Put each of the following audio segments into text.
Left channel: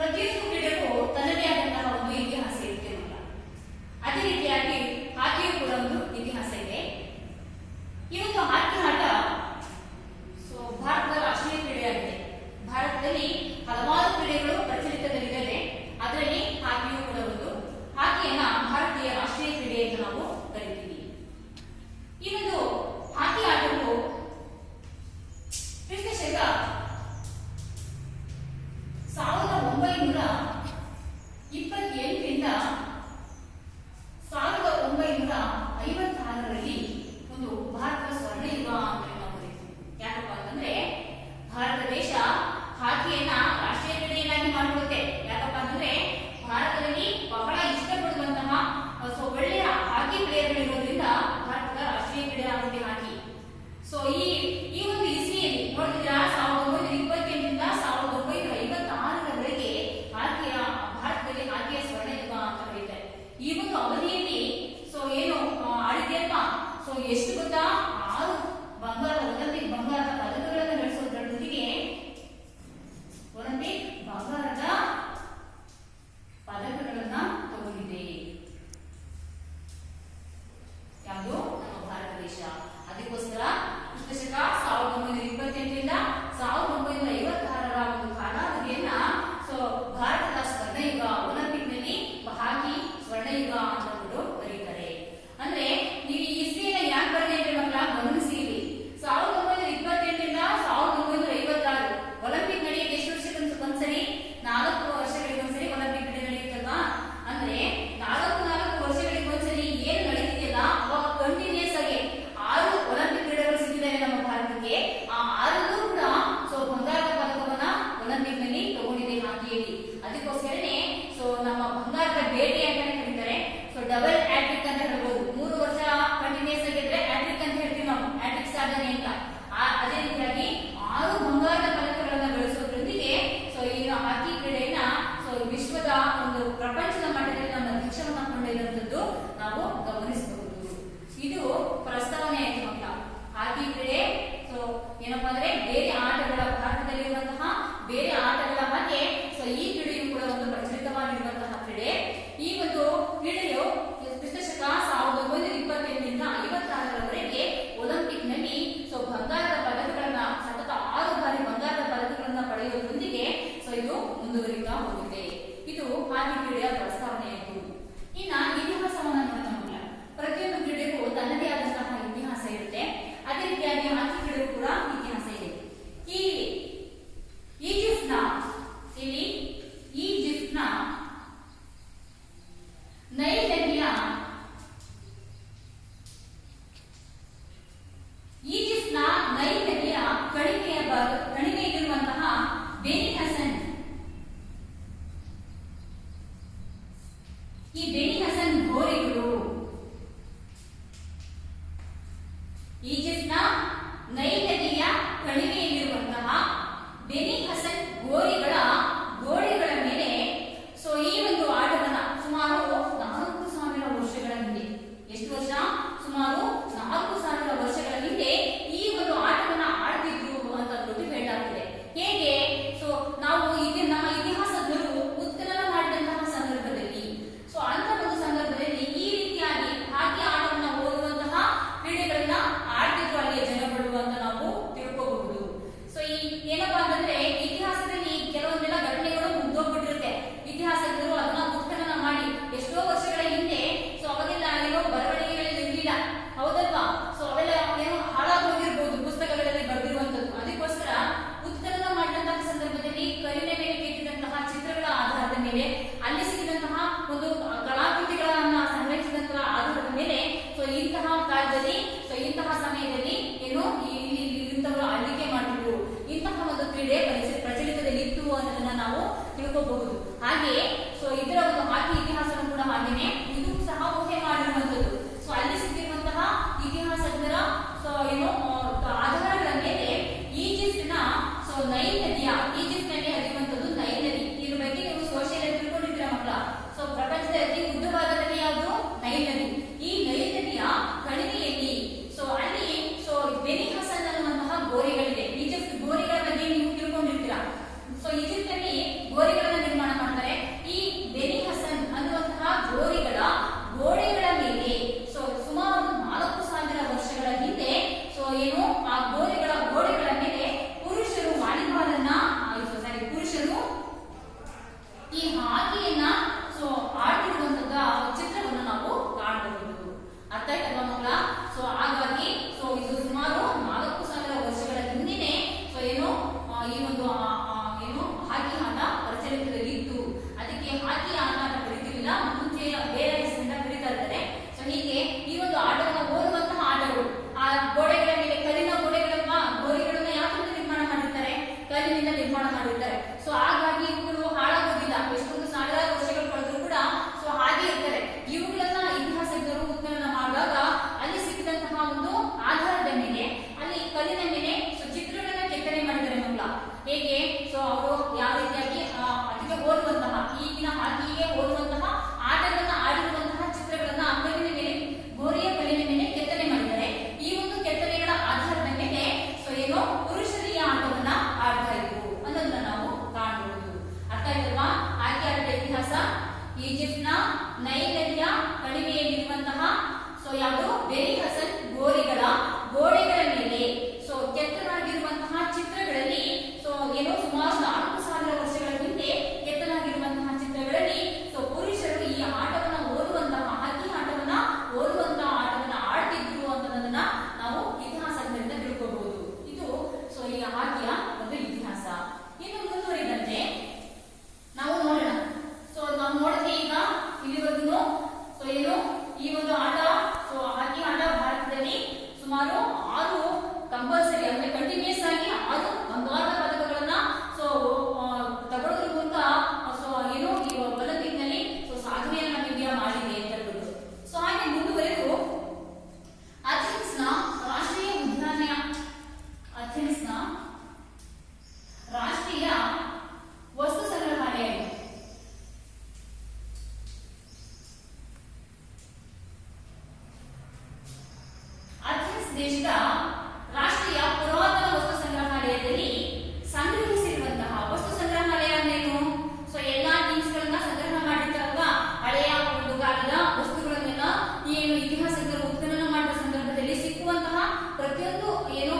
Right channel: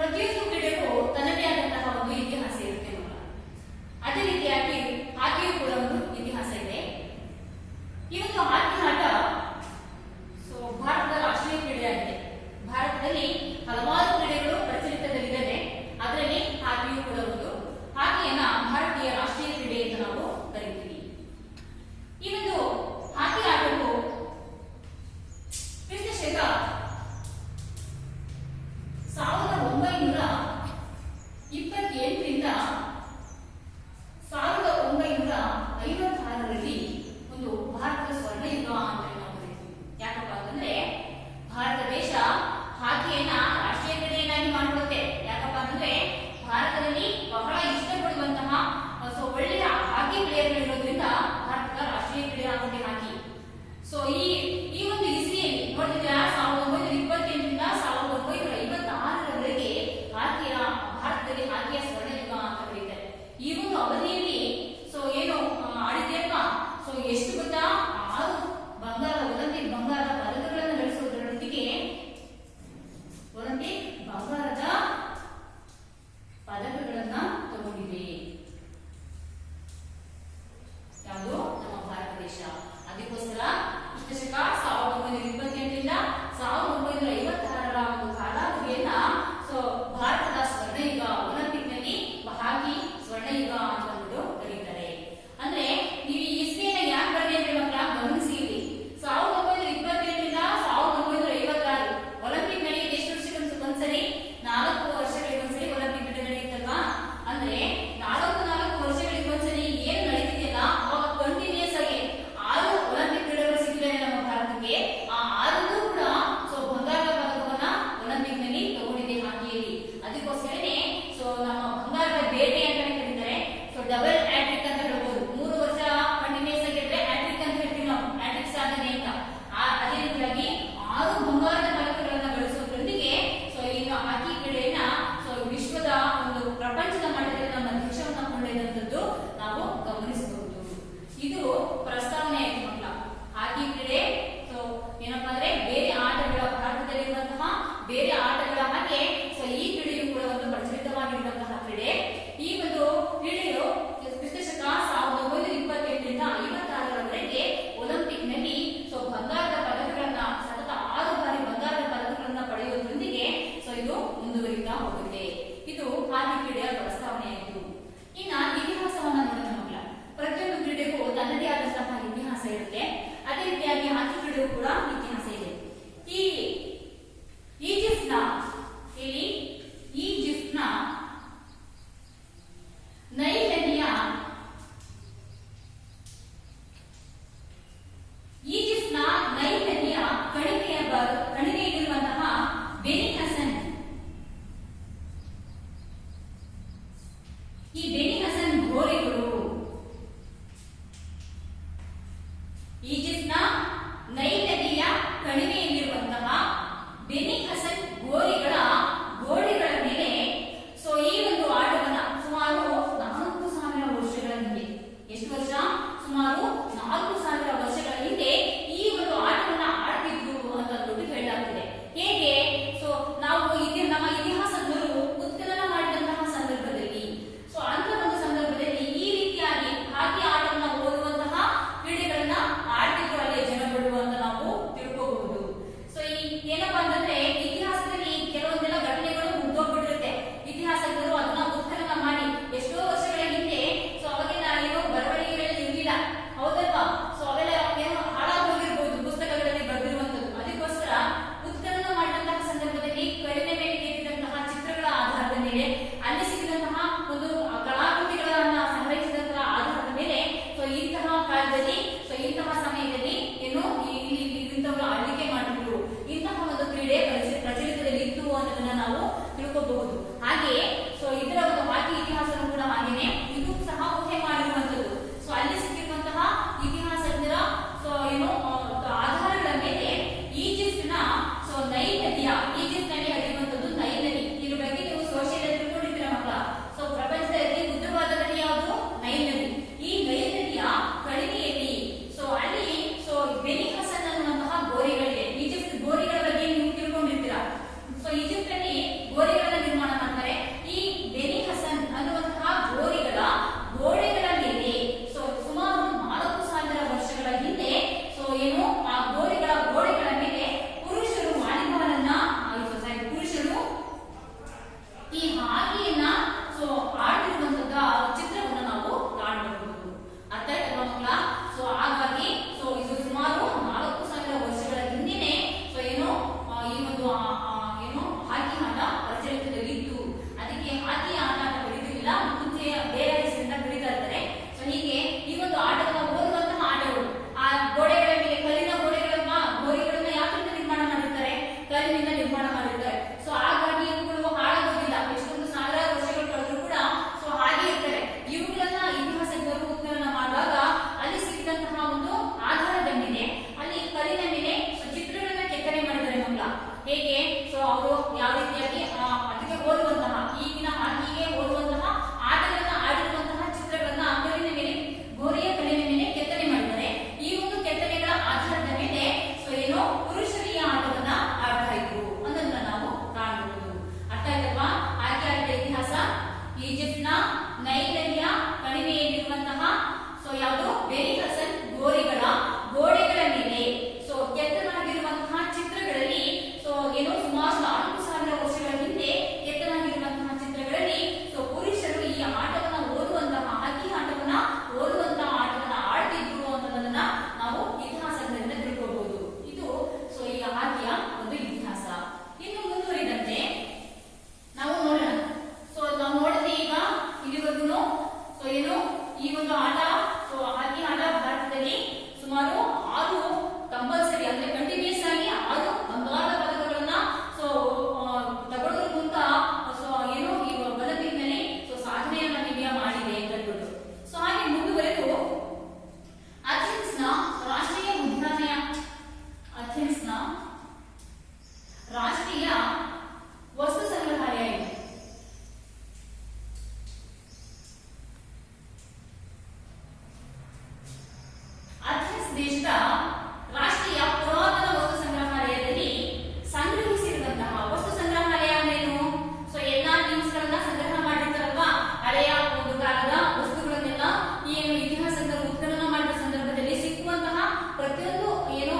ಪ್ರತಿಯೊಂದು ಕ್ರೀಡೆಗೂ ತನ್ನದೇ ಆದಂತಹ ಒಂದು ಇತಿಹಾಸ ಇರುತ್ತೆ ಮಕ್ಕಳ. ಅದೇ ರೀತಿಯಾಗಿ ಹಾಕಿಯೂ ಕೂಡ ಒಂದು ಇತಿಹಾಸ ಇದೆ. ಈ ಒಂದು ಹಾಕಿ ಆಟ ಭಾರತದ ರಾಷ್ಟ್ರೀಯ ಕ್ರೀಡೆಯಾಗಿದೆ. ಭಾರತದಲ್ಲಿ ಹಲವಾರು ಕ್ರೀಡೆಗಳು ಪ್ರಚಲಿತದಲ್ಲಿದೆ. ಅದರಲ್ಲಿ ಹಾಕಿಯೂ ಕೂಡ ಒಂದು. ಹಾಕಿಯನ್ನ ಭಾರತೀಯ ರಾಷ್ಟ್ರೀಯ ಕ್ರೀಡೆ ಎಂದು ನಾವು ಕರಿತೀವಿ. ಈ ಒಂದು ಹಾಕಿ ಆಟವು ಕ್ರಿಸ್ತಶಕ 1928ರಿಂದ 1956ರಲ್ಲಿ ಒಂದು ಭಾರತದ ಸ್ವರ್ಣಯುಗ ಅಂತ ನಾವು ಕರಿತೀವಿ. ಯಾಕಪ್ಪ ಅಂತಂದ್ರೆ ಭಾರತ ದೇಶ ಹಾಕಿಯನ್ನ ರಾಷ್ಟ್ರೀಯ ಕ್ರೀಡೆಯನ್ನಾಗಿ ಮಾಡಿಕೊಳ್ಳುತ್ತೆ. ಯಾಕಪ್ಪ ಅಂತಂದ್ರೆ ಭಾರತದಲ್ಲಿ ಬಹಳ ಇಷ್ಟಪಡುವಂತಹ ಒಳ್ಳೆಯ ಹಾಕಿ ಪ್ಲೇಯರ್ಗಳಿರೋದ್ರಿಂದ ಭಾರತದ ರಾಷ್ಟ್ರೀಯ ಕ್ರೀಡೆ ಆಗುತ್ತೆ ಹಾಕಿ. ಸೊ ಈ ಒಂದು ಇಸ್ವಿಯಲ್ಲಿ ನೋಡಿದ್ರೆ 1928ರಿಂದ 1956ರವರೆಗೆ ಹಾಕಿಯ ಭಾರತದಲ್ಲಿ ಹಾಕಿಯ ಸ್ವರ್ಣಯುಗ ಅಂತ ಕರೀತಾರೆ. ಈ ಒಂದು ಅವಧಿಯಲ್ಲಿ ಏನು ಆಡಿದ್ಯಪ್ಪ ಎಷ್ಟು ಗೊತ್ತಾ 6 ಒಲಿಂಪಿಕ್ ಬಂಗಾರದ ಪದಕಗಳನ್ನು ಗಳಿಸುವುದರೊಂದಿಗೆ ಒಲಿಂಪಿಕ್ ಬಂಗಾರದ ಪದಕಗಳನ್ನ ತಗೊಂಡಿದೆ. ಯಾವುದು ನಮ್ಮ ಭಾರತ ದೇಶ. ಅದಕ್ಕೋಸ್ಕರ ಕ್ರಿಸ್ತಶಕ 1928ರಿಂದ 1956ರ ಒಂದು ಕಾಲಾವಧಿಯನ್ನ ಭಾರತದ ಸ್ವರ್ಣಯುಗ, ಒಲಿಂಪಿಕ್ ನಲ್ಲಿ ಹಾಕಿ ಸ್ವರ್ಣಯುಗ ಅಂತ ಕರೀತಾರೆ. ಅಂದ್ರೆ ನೀವು ಈ ಇಸ್ವಿಯನ್ನ ಯಾಕೆ ಬರೆದಿದ್ರೆ ಮಕ್ಕಳ ಗಮನಿಸಿ. 1928ರಿಂದ 1956 ಒಲಿಂಪಿಕ್ ನಡೆಯುತ್ತೆ. ಎಷ್ಟು ವರ್ಷಕ್ಕೆ ಒಂದ್ಸರಿ? 4 ವರ್ಷಗಳಿಗೆ ಒಂದ್ಸರಿ ಒಲಿಂಪಿಕ್ ನಡೆಯುತ್ತಲ್ವಾ? ಅಂದ್ರೆ 4 ವರ್ಷಗಳಿಗೆ ಒಂದ್ಸರಿ ಏನು ನಡೀತಿದೆಯಲ್ಲ ಅವಾಗ ಕಂಟಿನ್ಯೂಸ್ ಆಗಿ 6 ಒಲಿಂಪಿಕ್ ಕ್ರೀಡೆಗಳು ಸಿಕ್ಕಿದೆ ನಮ್ಮ ಭಾರತಕ್ಕೆ. ಆ 6 ಕೂಡ ಬಂಗಾರದ ಪದಕವನ್ನ ಒಲಿಂಪಿಕ್ ನಲ್ಲಿ ತಗೊಂಡಿದೆ ಹಾಕಿಯಲ್ಲಿ. ಅದಕ್ಕೋಸ್ಕರನೇ ನಮ್ಮ ಬಂಗಾರದ ಬೇಟೆ ಅಂತಾನೆ ಕರೀತಾರೆ. ಡಬಲ್ ಹ್ಯಾಟ್ರಿಕ್ ಅಂತ ಹೇಳ್ಬೋದು. 3 ವರ್ಷ ಕಂಟಿನ್ಯೂಸ್ ಆಗಿದ್ರೆ ಹ್ಯಾಟ್ರಿಕ್ ಅಂತ ಹೇಳ್ತೀವಿ ನಾವು, ಹ್ಯಾಟ್ರಿಕ್ ಸಾಧನೆ ಅಂತ. ಅದೇ ರೀತಿಯಾಗಿ 6 ಬಂಗಾರದ ಪದಕಗಳನ್ನ ಗಳಿಸೋದ್ರೊಂದಿಗೆ ಈಗ ಹಾಕಿ ಕ್ರೀಡೆಯನ್ನ ವಿಶ್ವದ ಒಂದು ಪ್ರಪಂಚದ ಮಟ್ಟದಲ್ಲಿ ನಮ್ಮ ದೇಶವನ್ನ ಕೊಂಡೊಯ್ಯುವಂಥದ್ದು ನಾವು ಗಮನಿಸಬಹುದು. ಇದು ಪ್ರಸ್ತಾವನೆ ಆಯ್ತು ಮಕ್ಕಳ. ಹಾಕಿ ಕ್ರೀಡೆ ಏನಪ್ಪಾ ಅಂದ್ರೆ ಬೇರೆ ಆಟಗಳ ಭಾರತದಲ್ಲಿರುವಂತಹ ಬೇರೆ ಆಟಗಳ ಹಾಗೆ ಈ ಕ್ರೀಡೆಯು ಕೂಡ ಒಂದು ಪ್ರಚಲಿತವಾಗಿರುವಂತಹ ಕ್ರೀಡೆ. ಈ ಒಂದು ಕ್ರೀಡೆಯು ಕ್ರಿಸ್ತಶಕ 1928ರಿಂದ 56ರವರೆಗೆ ಒಲಿಂಪಿಕ್ ನಲ್ಲಿ ಬಂಗಾರದ ಪದಕಗಳನ್ನ ಸತತ 6 ಬಾರಿ ಬಂಗಾರದ ಪದಕಗಳನ್ನ ಪಡೆಯುವುದರೊಂದಿಗೆ ಇದು ಮುಂದುವರಿತಾ ಹೋಗುತ್ತೆ. ಇದು ಹಾಕಿ ಕ್ರೀಡೆಯ ಪ್ರಸ್ತಾವನೆಯಾಯಿತು. ಇನ್ನ ಇತಿಹಾಸವನ್ನ ನೋಡೋಣ. ಪ್ರತಿಯೊಂದು ಕ್ರೀಡೆಗೂ ತನ್ನದೇ ಆದಂತಹ ಇತಿಹಾಸ ಇರುತ್ತೆ. ಅದೇ ರೀತಿಯಾಗಿ ಹಾಕಿ ಕ್ರೀಡೆಗೂ ಕೂಡ ಇತಿಹಾಸ ಇದೆ. ಈಜಿಪ್ಟ್ನ ನೈಲ್ ನದಿಯ ಕಣಿವೆಯಲ್ಲಿರುವಂತಹ ಬೆನಿ ಹಸನ್, ಈ ಬೆನಿ ಹಸನ್ ಗೋರಿಗಳು ಈಜಿಪ್ಟ್ನ ನೈಲ್ ನದಿಯ ಕಣಿವೆಯಲ್ಲಿರುವಂತಹ ಬೆನಿ ಹಸನ್ ಗೋರಿಗಳ ಗೋಡೆಗಳ ಮೇಲೆ ಈ ಒಂದು ಆಟವನ್ನ ಸುಮಾರು 4,000 ವರ್ಷಗಳ ಹಿಂದೆ, ಎಷ್ಟು ವರ್ಷ? ಸುಮಾರು 4,000 ವರ್ಷಗಳ ಹಿಂದೆ ಈ ಒಂದು ಆಟವನ್ನ ಆಡ್ತಿದ್ರು ಅಂತ ಹೇಳಲಾಗ್ತಿದೆ. ಹೇಗೆ? ನಾವು ನಮ್ಮ ಇತಿಹಾಸಜ್ಞರು ಉತ್ಖನನ ಮಾಡಿದಂತಹ ಸಂದರ್ಭದಲ್ಲಿ ಅಂತ ನೈಲ್ ನದಿಯ ಕಣಿವೆಯಲ್ಲಿರುವಂತಹ ಸೊ ಯಾವುದು ಬೇರಿ ಹಸನ್ ಗೋರಿಗಳ ಗೋಡೆಗಳ ಮೇಲೆ ಸೊ ಕೆತ್ತಲಾಗಿರುವಂತಹ ಚಿತ್ರಗಳಲ್ಲಿ ಸೊ ಏನೋ ಸುಮಾರು 4,000 ವರ್ಷಗಳ ಹಿಂದೆ ಕೆತ್ತಲಾಗಿರುವಂತಹ ಚಿತ್ರಗಳಲ್ಲಿ ಸೊ ಪುರುಷರು ಈ ಆಟವನ್ನ ಓದುವಂತಹ ಹಾಕಿ ಆಟವನ್ನ ಓದುವಂತಹ ಆಟವನ್ನ ಆಡ್ತಿದ್ರು ಅನ್ನೋದನ್ನ ನಾವು ಇತಿಹಾಸದಿಂದ ತಿಳ್ಕೊಬಹುದು. ಇದು ಸೊ ಈ ಹಾಕಿಯ ಒಂದು ಇತಿಹಾಸ. ಇನ್ನು ಮುಂದುವರಿದಂತೆ ನಾವು ನೋಡೋಣ. ಸೊ ನಾವು ನೋಡಿದ್ರೆ ಈಗ ಇಲ್ಲಿವರೆಗೂ ಸೊ ಏನು ಈ ಒಂದು ಆಟ ಸೊ ಹಾಕಿ ಆಟ ಭಾರತದಲ್ಲಿ ಸುಮಾರು 6 ಕಂಪಲ್ಸರಿ ಅಂದ್ರೆ ಕಂಟಿನ್ಯೂಸ್ ಆಗಿ 6 ಬಂಗಾರದ ಪದಕಗಳನ್ನ ಸೊ ತಗೊಳ್ಳೋದ್ರ ಅಂತ ಸೊ ಏನು ಈ ಒಲಿಂಪಿಕ್ನಲ್ಲಿ ಸೊ ಸಾಧನೆಯನ್ನ ಇಂಡಿಯಾ ಮಾಡಿದೆ ಅಂತ ಹೇಳ್ಬಿಟ್ಟು. ಸೊ ಹಾಗೆ ಮುಂದುವರೆದು ಅಥೆನ್ಸ್ನ ರಾಷ್ಟ್ರೀಯ ಉದ್ಯಾನ ಅಥೆನ್ಸ್ನ ರಾಷ್ಟ್ರೀಯ ವಸ್ತು ಸಂಗ್ರಹಾಲಯ ಇದೆ. ಅಥೆನ್ಸ್ ದೇಶದ ರಾಷ್ಟ್ರೀಯ ಪುರಾತನ ವಸ್ತು ಸಂಗ್ರಹಾಲಯದಲ್ಲಿ ಸಂಗ್ರಹಿಸಿರುವಂತಹ ವಸ್ತು ಸಂಗ್ರಹಾಲಯ ಅಂದ್ರೇನು? ಸೊ ಎಲ್ಲಾ ಥಿಂಗ್ಸ್ ಗಳನ್ನ ಸಂಗ್ರಹ ಮಾಡಿರ್ತಾರಲ್ವಾ, ಹಳೆಯ ಒಂದು ಕಾಲದ ವಸ್ತುಗಳನ್ನೆಲ್ಲ ಏನು ಇತಿಹಾಸದ ಉತ್ಖನನ ಮಾಡುವ ಸಂದರ್ಭದಲ್ಲಿ ಸಿಕ್ಕುವಂತಹ ಪ್ರತಿಯೊಂದು ಏನೋ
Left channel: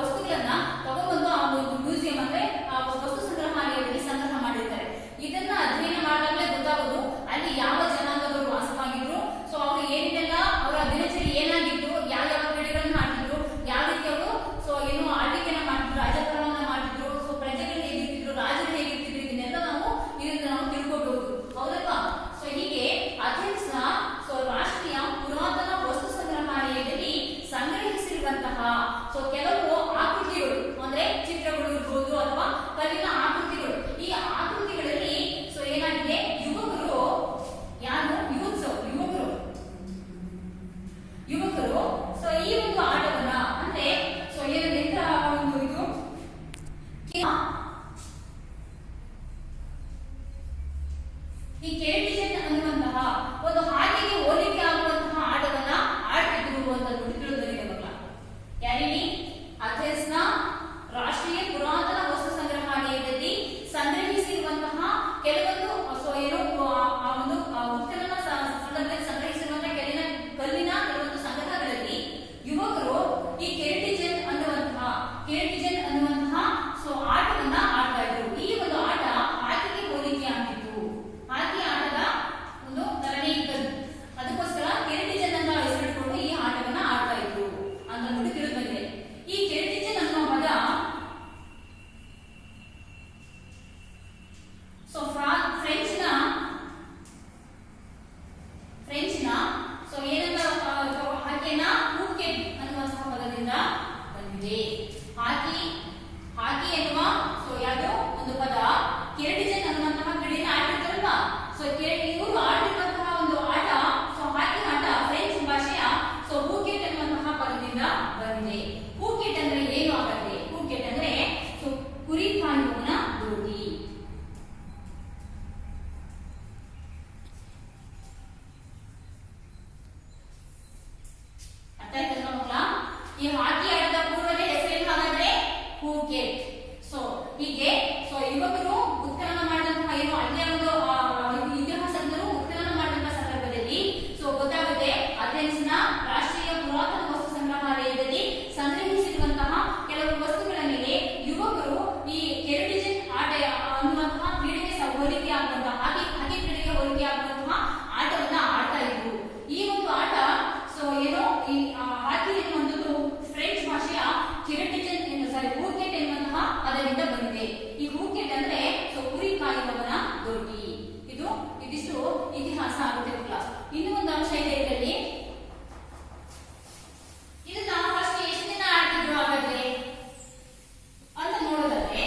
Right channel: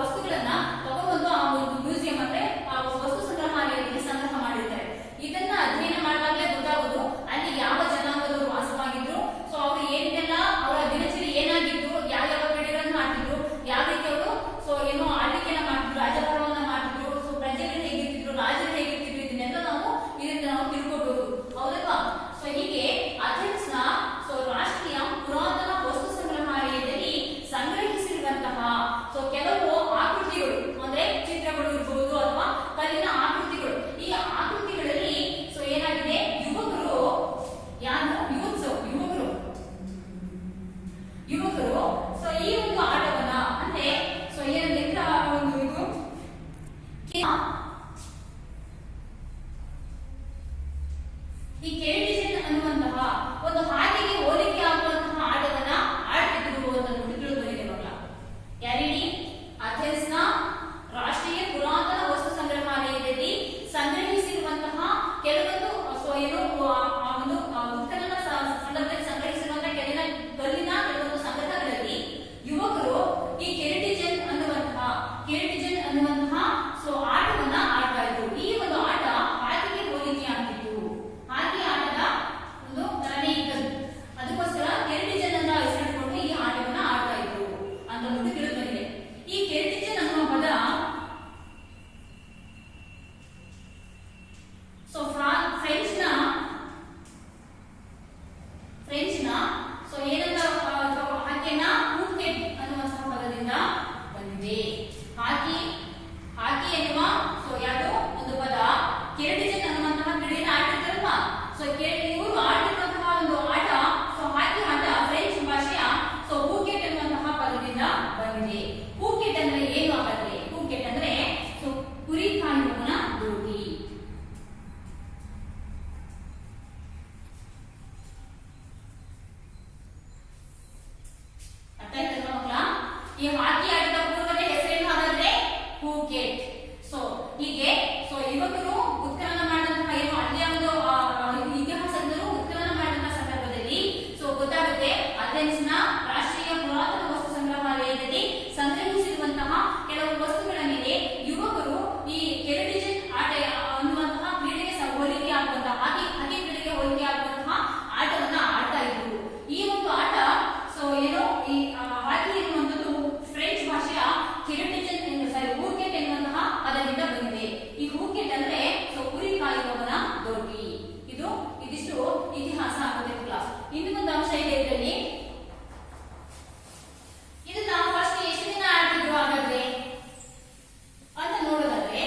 ವಸ್ತುಗಳನ್ನ ತಗೊಂಡು ಆ ಒಂದು ಮ್ಯೂಸಿಯಂ ಅಂದ್ರೆ ಆ ವಸ್ತು ಸಂಗ್ರಹಾಲಯದಲ್ಲಿ ಸಂಗ್ರಹ ಮಾಡಿರ್ತಾರೆ. ಇದನ್ನ ಅಧ್ಯಯನ ಮಾಡಿದಾಗಲೇ ಗೊತ್ತಾಗುವುದು ಅಲ್ಲಿ ಯಾವ ಜನಾಂಗದವರು ವಾಸವಾಗಿದ್ರು, ಸೊ ಅವರು ಏನೆಲ್ಲ ಅವರ ದಿನಚರಿ ಏನಾಗಿತ್ತು, ಯಾವ ಕ್ರೀಡೆಗಳನ್ನ ಆಡ್ತಿದ್ರು, ಯಾವ ರೀತಿ ಅವರು ಸೊ ಏನು ಆಳ್ವಿಕೆಯನ್ನ ಮಾಡ್ತಿದ್ರು, ರಾಜಕಾರಣವನ್ನ ಮಾಡ್ತಿದ್ರು, ಸೊ ಪ್ರಜೆಗಳು ಹೇಗಿರ್ತಿದ್ರು, ರಾಜರು ಹೇಗಿರ್ತಿದ್ರು, ಇದನ್ನೆಲ್ಲ ನಾವು ಇದರಿಂದ ನಾವು ತಿಳ್ಕೊಬಹುದು. ಹೌದಲ್ವಾ? ಸೊ ಹೀಗೆ ಅಥೆನ್ಸ್ ನ ಸೊ ರಾಷ್ಟ್ರೀಯ ಪುರಾತನ ವಸ್ತು ಸಂಗ್ರಹಾಲಯದಲ್ಲಿ ಸಂಗ್ರಹಿಸಿರುವಂತಹ ಸೊ ಕೆಲವು ಆಕೃತಿಗಳು ಅಂದ್ರೆ ಚಿತ್ರಗಳು ಇರ್ಬೋದು ಅಥವಾ ಕಲ್ಲಿನ ಆಕೃತಿಗಳು. ಈ ಆಕೃತಿಗಳಲ್ಲಿ ಸೊ ಏನಾಗಿದೆ, ಯುವಕರು ಯಾರು ಯುವಕರು ಸೊ ಈ ಒಂದು ಆಟವನ್ನ ಅಂದ್ರೆ ಸೊ ಏನಿದೆ ಒಂದು ಇದು ಈ ಕೆರಟಿಜನ್ ಅನ್ನುವಂತಹ ಒಂದು ಹಾಕಿಗೆ ಹೋಲಿಕೆ ಆಗುವಂತಹ ಆಟವನ್ನ ಆಡ್ತಿದ್ರು ಅಂತ ತಿಳಿದುಬಂದಿದೆ ಮಕ್ಕಳ. ಯಾರಿನಿ ಅಥೆನ್ಸ್ ನ ರಾಷ್ಟ್ರೀಯ ಪುರಾತನ ವಸ್ತು ಸಂಗ್ರಹಾಲಯದಲ್ಲಿ ಸಂಗ್ರಹಿಸಿರುವಂತಹ ಕೆಲವೊಂದು ಸೊ ಏನು ಆ ಒಂದು ಉತ್ಖನನ ಸಂದರ್ಭದಲ್ಲಿ ಸಂಗ್ರಹಿಸಿರುವಂತಹ ಕಲ್ಲಿನ ಕೆಲವೊಂದು ಸಂಗ್ರಹಗಳಲ್ಲಿ ಯುವಕರು ಈ ಕೆರಟಿಜನ್ ಅನ್ನುವಂತಹ ಸೊ ಆಟವನ್ನ ಆಡ್ತಾ ಇದ್ರು. ಈ ಒಂದು ಆಟ ಹಾಕಿಗೆ ಹೋಲಿಕೆ ಆಗ್ತಿತ್ತು. ಹಾಕಿ ಆಟದ ಒಂದು ತರನೇ ಇದ್ದದ್ದು, ಅದಕ್ಕೋಸ್ಕರ ಕೆರಟಿಜನ್ ಅಂತ ಹೆಸರಿಟ್ಕೊಂಡು ಈ ಆಟವನ್ನ ಆಡ್ತಾ ಇದ್ರು ಅಂತ ತಿಳಿದು ಬಂದಿದೆ. ಈ ಕೆರಟಿಜನ್ ಅನ್ನುವ ಪದ ಸೊ ಫ್ರೆಂಚ್ನ ಸೊ ಏನಂತ ಹಾಕಿನ ಹೂಕೆಟ್ ಅನ್ನುವಂತಹ ಪದದಿಂದ ಬಂದಿದೆ. ಹಾಕಿ ಎನ್ನುವ ಸೊ ಯಾವುದೋ ಒಂದು ಪದ ಕೆರಟಿಜನ್ ಅನ್ನುವಂತಹ ಕ್ರೀಡೆಯನ್ನು ಆಡ್ತಿರ್ತಾರಲ್ವಾ, ಸೊ ಇವರು ಆಡ್ತಿರುವಂತಹ ಒಂದು ಆಟ ಸೊ ಹಾಕಿ ಆಟ ಫ್ರೆಂಚ್ ಭಾಷೆಯ ಸೊ ಹೂಕೆಟ್ ಅನ್ನುವಂತಹ ಪದದಿಂದ ಬಂದಿದೆ. ಹೂಕೆಟ್ ಅಂದ್ರೆ ಏನು ಆಗತ್ತೆ? ಹೂಕೆಟ್ ಅಂದ್ರೆ ಸೊ ಕುರಿ ಕಾಯುವವನ ದೋಟಿ. ಅರ್ಥ ಆಯ್ತಲ್ವಾ ಮಕ್ಕಳ? ಈ ಹಾಕಿ ಆಟದ ಪೂರ್ವದ ಹೆಸರೇನು ಹಾಗಾದ್ರೆ ಹೂಕೆಟ್. ಸೊ ಹೀಗೆ ಸೊ ಯುವಕರು ಉತ್ಖನನ ಮಾಡಿದಂತಹ ಏನು ಅಲ್ಲಿಯ ಒಂದು ಇತಿಹಾಸಜ್ಞರು ಉತ್ಖನನ ಮಾಡಿದಂತಹ ಸಂದರ್ಭದಲ್ಲಿ ಸೊ ಗೊತ್ತಾಗುತ್ತೆ ಅಥೆನ್ಸ್ ನ ರಾಷ್ಟ್ರೀಯ ಪುರಾತನ ವಸ್ತು ಸಂಗ್ರಹಾಲಯದಲ್ಲಿ ಸಂಗ್ರಹಿಸಿರುವಂತಹ ಕೆಲವು ವಸ್ತುಗಳ ಮೇಲೆ ಯುವಕರು ಈ ಕೆರಟಿಜನ್ ಆಟ ಅನ್ನುವಂತಹ ಕ್ರೀಡೆಗೆ ಹೋಲಿಕೆ ಆಗುವಂತಹ ಹಾಕಿ ಕ್ರೀಡೆಗೆ ಹೋಲಿಕೆ ಆಗುವಂತಹ ಆಟವನ್ನ ಆಡ್ತಾ ಇದ್ರು. ಈ ಒಂದು ಆಟ ಸೊ ಏನೋ ಈ ಹಾಕಿ ಎನ್ನುವಂಥದ್ದು ಫ್ರೆಂಚ್ ಭಾಷೆಯ ಕೆರಟಿಜನ್ ಹೂಕೆಟ್ ಎನ್ನುವಂತಹ ಪದದಿಂದ ಬಂದಿದೆ. ಈ ಹೂಕೆಟ್ ಅಂದ್ರೆ ಸೊ ಕುರಿ ಕಾಯುವವನ ದೋಟಿ. ಇದಿಷ್ಟು ಇತಿಹಾಸ ಆಗುತ್ತೆ. ಇನ್ನು ಒಂದು ಅಂಶ ಇದೆ ಇದರಲ್ಲಿ. ಇದನ್ನ ಫಸ್ಟ್ ಎಷ್ಟು ದಿನ ಆಡ್ತಿದ್ರು ಹಾಗಾದ್ರೆ ಅಂತ ನೋಡೋದಾದ್ರೆ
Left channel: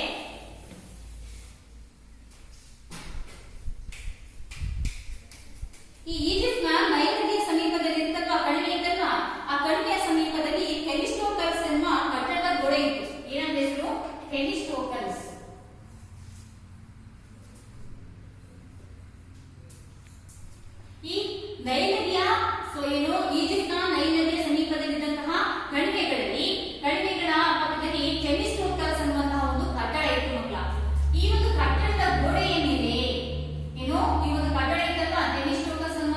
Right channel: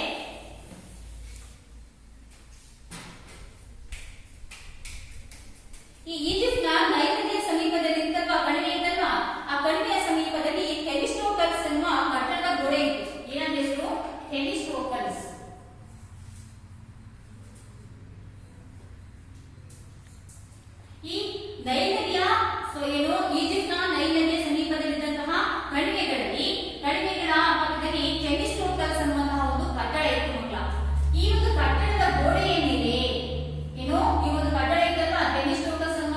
ಈ ಈಜಿಪ್ಟ್ನ ನೈಲ್ ನದಿಯ ಸಮೀಪದಲ್ಲಿ ಕಣಿವೆ ಇದ್ದಲ್ವಾ, ಆ ಕಣಿವೆಯ ಸಮೀಪದಲ್ಲಿ ಥೆಮಿಸ್ಟೋಕಲ್ಸ್ ಎನ್ನುವ ಕಟ್ಟಡದ ಗೋಡೆ ಇತ್ತು. ಏನಂತ ಹೆಸರು? ಥೆಮಿಸ್ಟೋಕಲ್ಸ್. ಈ ನೈಲ್ ನದಿಯ ಸೊ ಏನು ಈಜಿಪ್ಟ್ನ ನೈಲ್ ನದಿಯ ಸಮೀಪದಲ್ಲಿದ್ದಂತಹ ಕಣಿವೆಗಳ ಪಕ್ಕದಲ್ಲಿ ಥೆಮಿಸ್ಟೋಕಲ್ಸ್ ಅನ್ನುವಂತಹ ಒಂದು ಕಟ್ಟಡ ಇತ್ತು ಮಕ್ಕಳ. ಈ ಒಂದು ಕಟ್ಟಡದ ಗೋಡೆಯ ಮೇಲೆ ಏನೋ ಈ ಒಂದು ಕಟ್ಟಡ ಇದ್ದಲ್ಲ ಥೆಮಿಸ್ಟೋಕಲ್ಸ್ ಅನ್ನುವ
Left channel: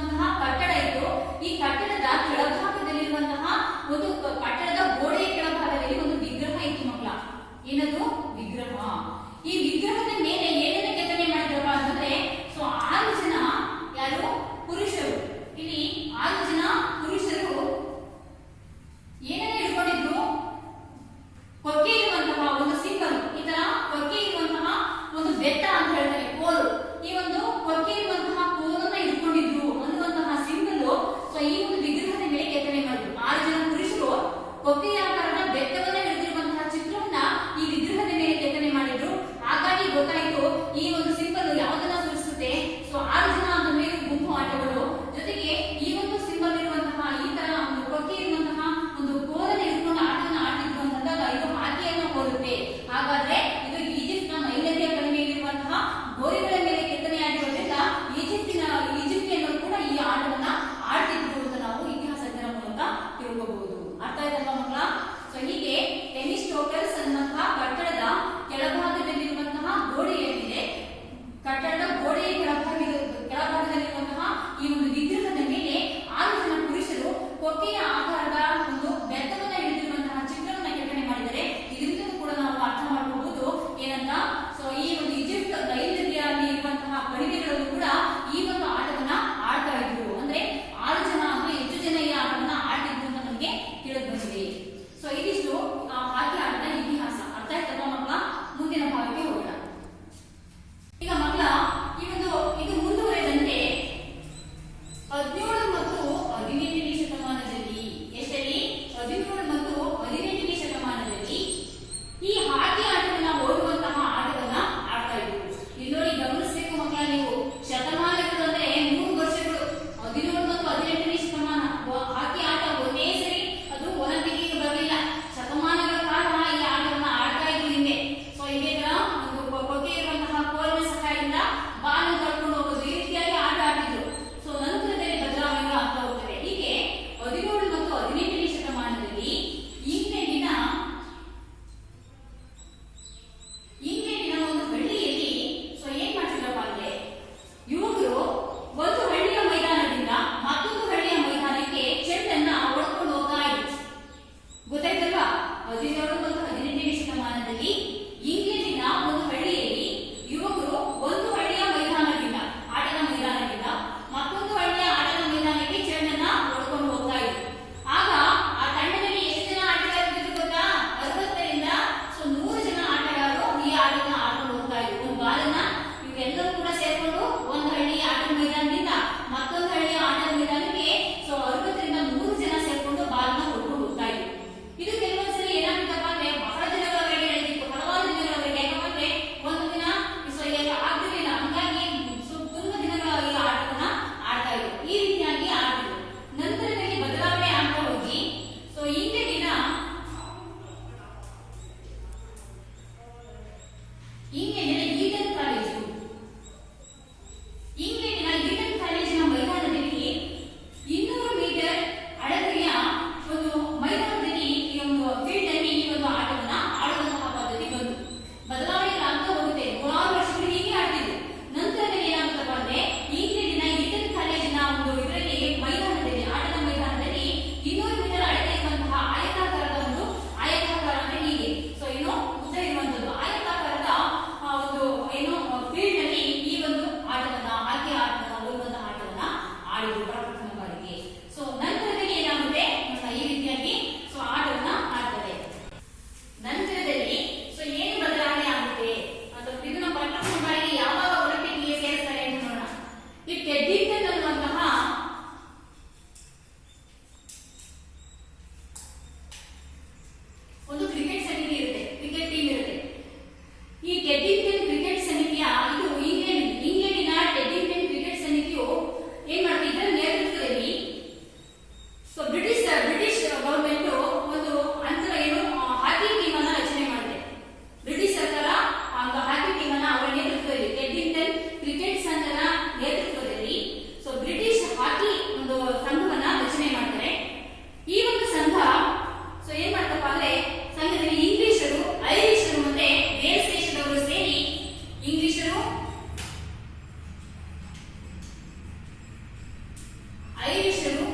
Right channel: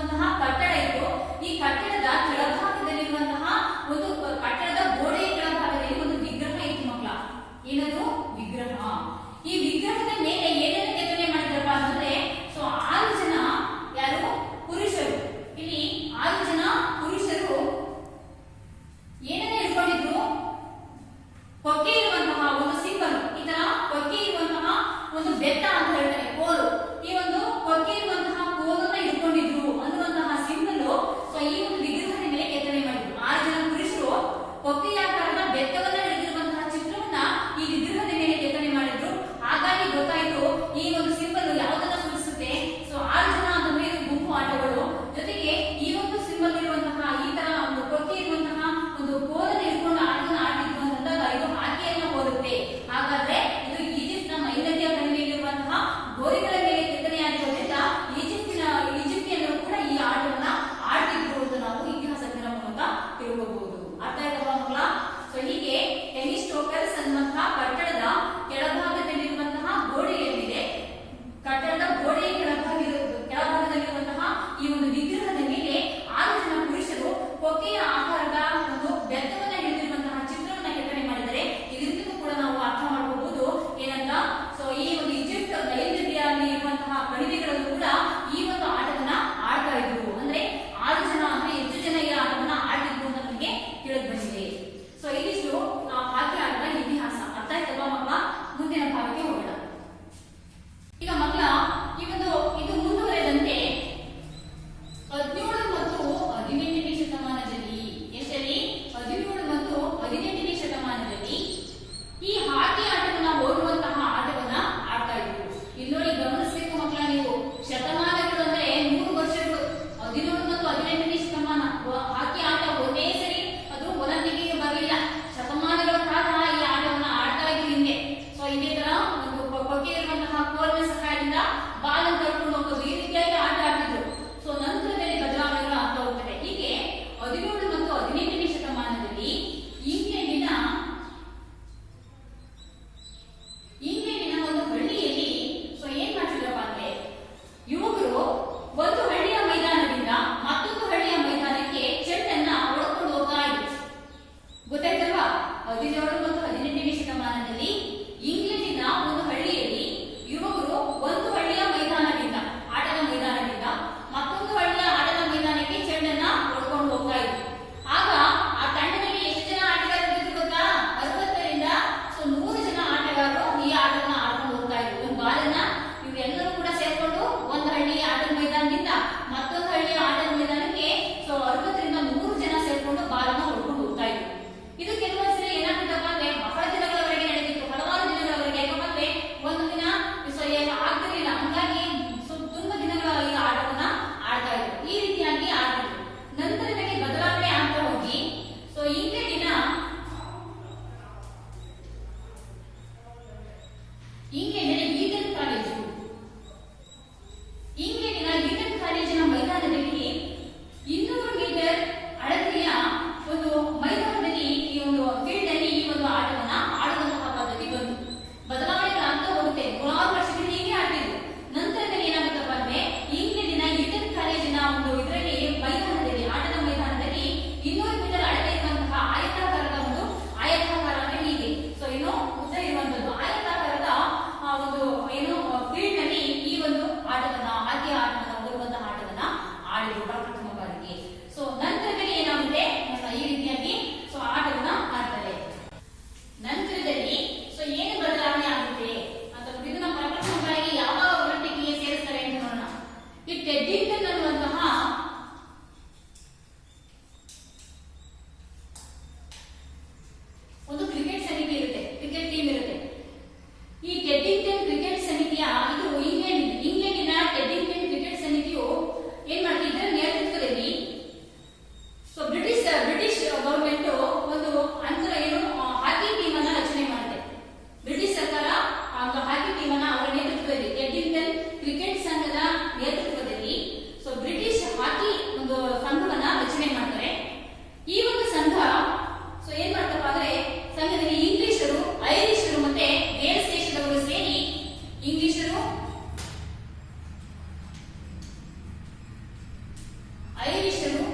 ಐರಿಷರು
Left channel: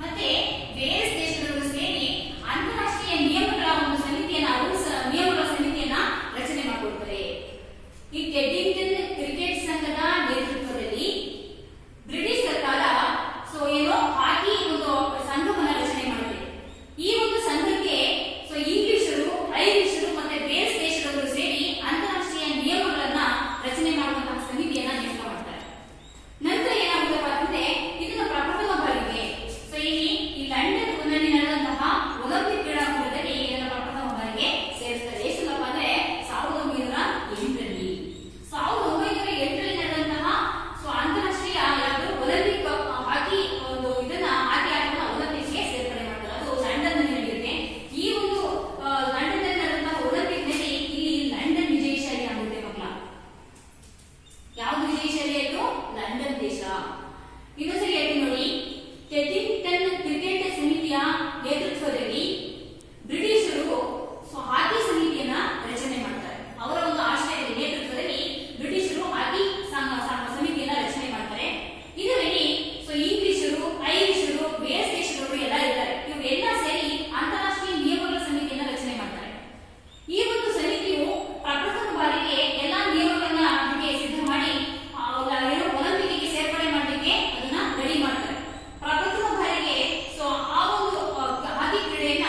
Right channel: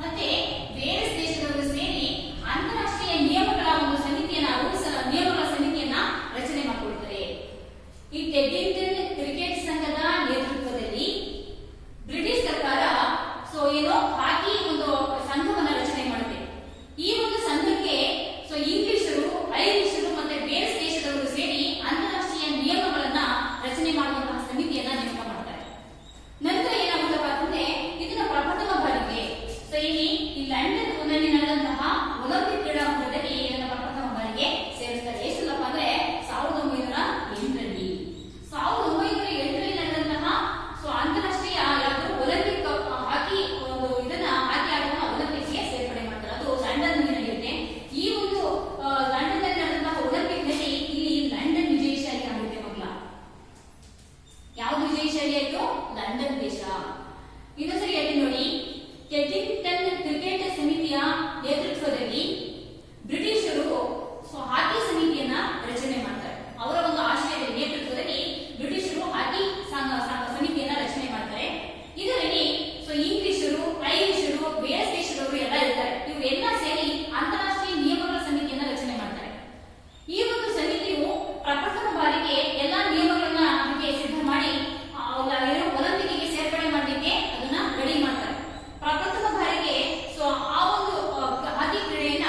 ಮತ್ತೆ ವೇಲ್ಸ್ ದೇಶದವರು ಸೇರಿ ಅಂತಾರಾಷ್ಟ್ರೀಯ ನಿಯಮಗಳ ಒಂದು ನಿಯಮಗಳ ಸಮಿತಿಯನ್ನ ರಚನೆ ಮಾಡಿಕೊಳ್ತಾರೆ. ಈ ಟೆಡ್ಡಿಂಗ್ಟನ್ ಕ್ರಿಕೆಟ್ ಸಂಘದ ನೇತೃತ್ವದಲ್ಲಿ ಬ್ರಿಟಿಷ್ ಸರ್ಕಾರ ಹಾಕಿ ಒಂದು ಸಂಘವನ್ನ ರಚನೆ ಮಾಡಿದೆ. ಈ ಒಂದು ಸಂಘಕ್ಕೆ ಇಂಗ್ಲಿಷರು, ಐರಿಷರು ಮತ್ತೆ ವೇಲ್ಸ್ ದೇಶದವರು ಸೇರಿ ಅಂತಾರಾಷ್ಟ್ರೀಯ ನಿಯಮಗಳನ್ನ ರಚನೆ ಮಾಡುವಂತಹ ಸಮಿತಿಯನ್ನ ನೇಮಕ ಮಾಡ್ತಾರೆ. ನಂತರ ಏನಾಗುತ್ತಪ್ಪ ಅಂತಂದ್ರೆ ಇದನ್ನ ಪ್ರಪ್ರಥಮ ಬಾರಿಗೆ ಈ ಲಂಡನ್ ನಲ್ಲಿ ನಡೆದಂತಹ ಒಲಿಂಪಿಕ್ ಕ್ರೀಡಾಕೂಟದಲ್ಲಿ ಇದನ್ನ ಪ್ರಪ್ರಥಮ ಬಾರಿಗೆ ಸೇರಿಸ್ತಾರೆ. ಎಷ್ಟಲ್ಲಪ್ಪ ಅಂದ್ರೆ 1908ರಲ್ಲಿ. 1908ರಲ್ಲಿ ನಡೆದಂತಹ ಅಂತಾರಾಷ್ಟ್ರೀಯ ಒಲಿಂಪಿಕ್ ಹಾಕಿ ಇದನ್ನ ಹಾಕಿ ಆಟವನ್ನ ಒಲಿಂಪಿಕ್ಸ್ಗೆ ಸೇರ್ಪಡೆ ಮಾಡ್ತಾರೆ. ಅದು ಲಂಡನ್ ನಲ್ಲಿ ನಡೆಯುತ್ತೆ. ಈ ಒಂದು ಲಂಡನ್ ನಲ್ಲಿ ನಡೆದಂತಹ ಒಲಿಂಪಿಕ್ ನಲ್ಲಿ ಇಲ್ಲಿ ಲಂಡನ್ ವಿಜಯಶಾಲಿ ಆಗುತ್ತೆ ಮಕ್ಕಳ. ಯಾವ್ದು ವಿಜಯಶಾಲಿ ಆಯ್ತು? ಲಂಡನ್ ದೇಶ. ಇನ್ನೊಂದ್ಸರಿ ಹೇಳ್ತೀನಿ ನೋಡಿ. ಟೆಡ್ಡಿಂಗ್ಟನ್ ಕ್ರಿಕೆಟ್ ಸಮಿತಿಯ ನೇತೃತ್ವದಲ್ಲಿ ಬ್ರಿಟಿಷರು ಹಾಕಿ ಸಮಿತಿಯನ್ನ ರಚನೆ ಮಾಡ್ತಾರೆ. ಅವರ ಒಂದು ಆಶ್ರಯದ ನೇತೃತ್ವದಲ್ಲಿ ಬ್ರಿಟಿಷರು ಹಾಕಿ ಸಮಿತಿಯನ್ನ ರಚನೆ ಮಾಡ್ತಾರೆ. ಇದರಲ್ಲಿ ಇಂಗ್ಲಿಷರು, ಐರಿಷರು, ವೇಲ್ಸ್ ದೇಶದವರು ಎಲ್ಲ ಇರ್ತಾರೆ. ಇವರೆಲ್ಲ ಸೇರಿ ಅಂತಾರಾಷ್ಟ್ರೀಯ ನಿಯಮಗಳ ಸಮಿತಿಯನ್ನ ರಚನೆ ಮಾಡ್ತಾರೆ. ಈ ಒಂದು ಸಮಿತಿಯು ಪ್ರಪ್ರಥಮ ಬಾರಿಗೆ ಎಲ್ಲಾ ನಿಯಮಗಳನ್ನ ಸಿದ್ಧ ಮಾಡಿ ಒಲಿಂಪಿಕ್ಗೆ ಸೇರ್ಪಡೆ ಮಾಡಲಿಕ್ಕೆ ಅದನ್ನ ರೆಡಿ ಮಾಡ್ತಾರೆ. ಪ್ರಪ್ರಥಮ ಬಾರಿಗೆ ಆ ಒಂದು ಹಾಕಿ ಕ್ರೀಡೆಯನ್ನ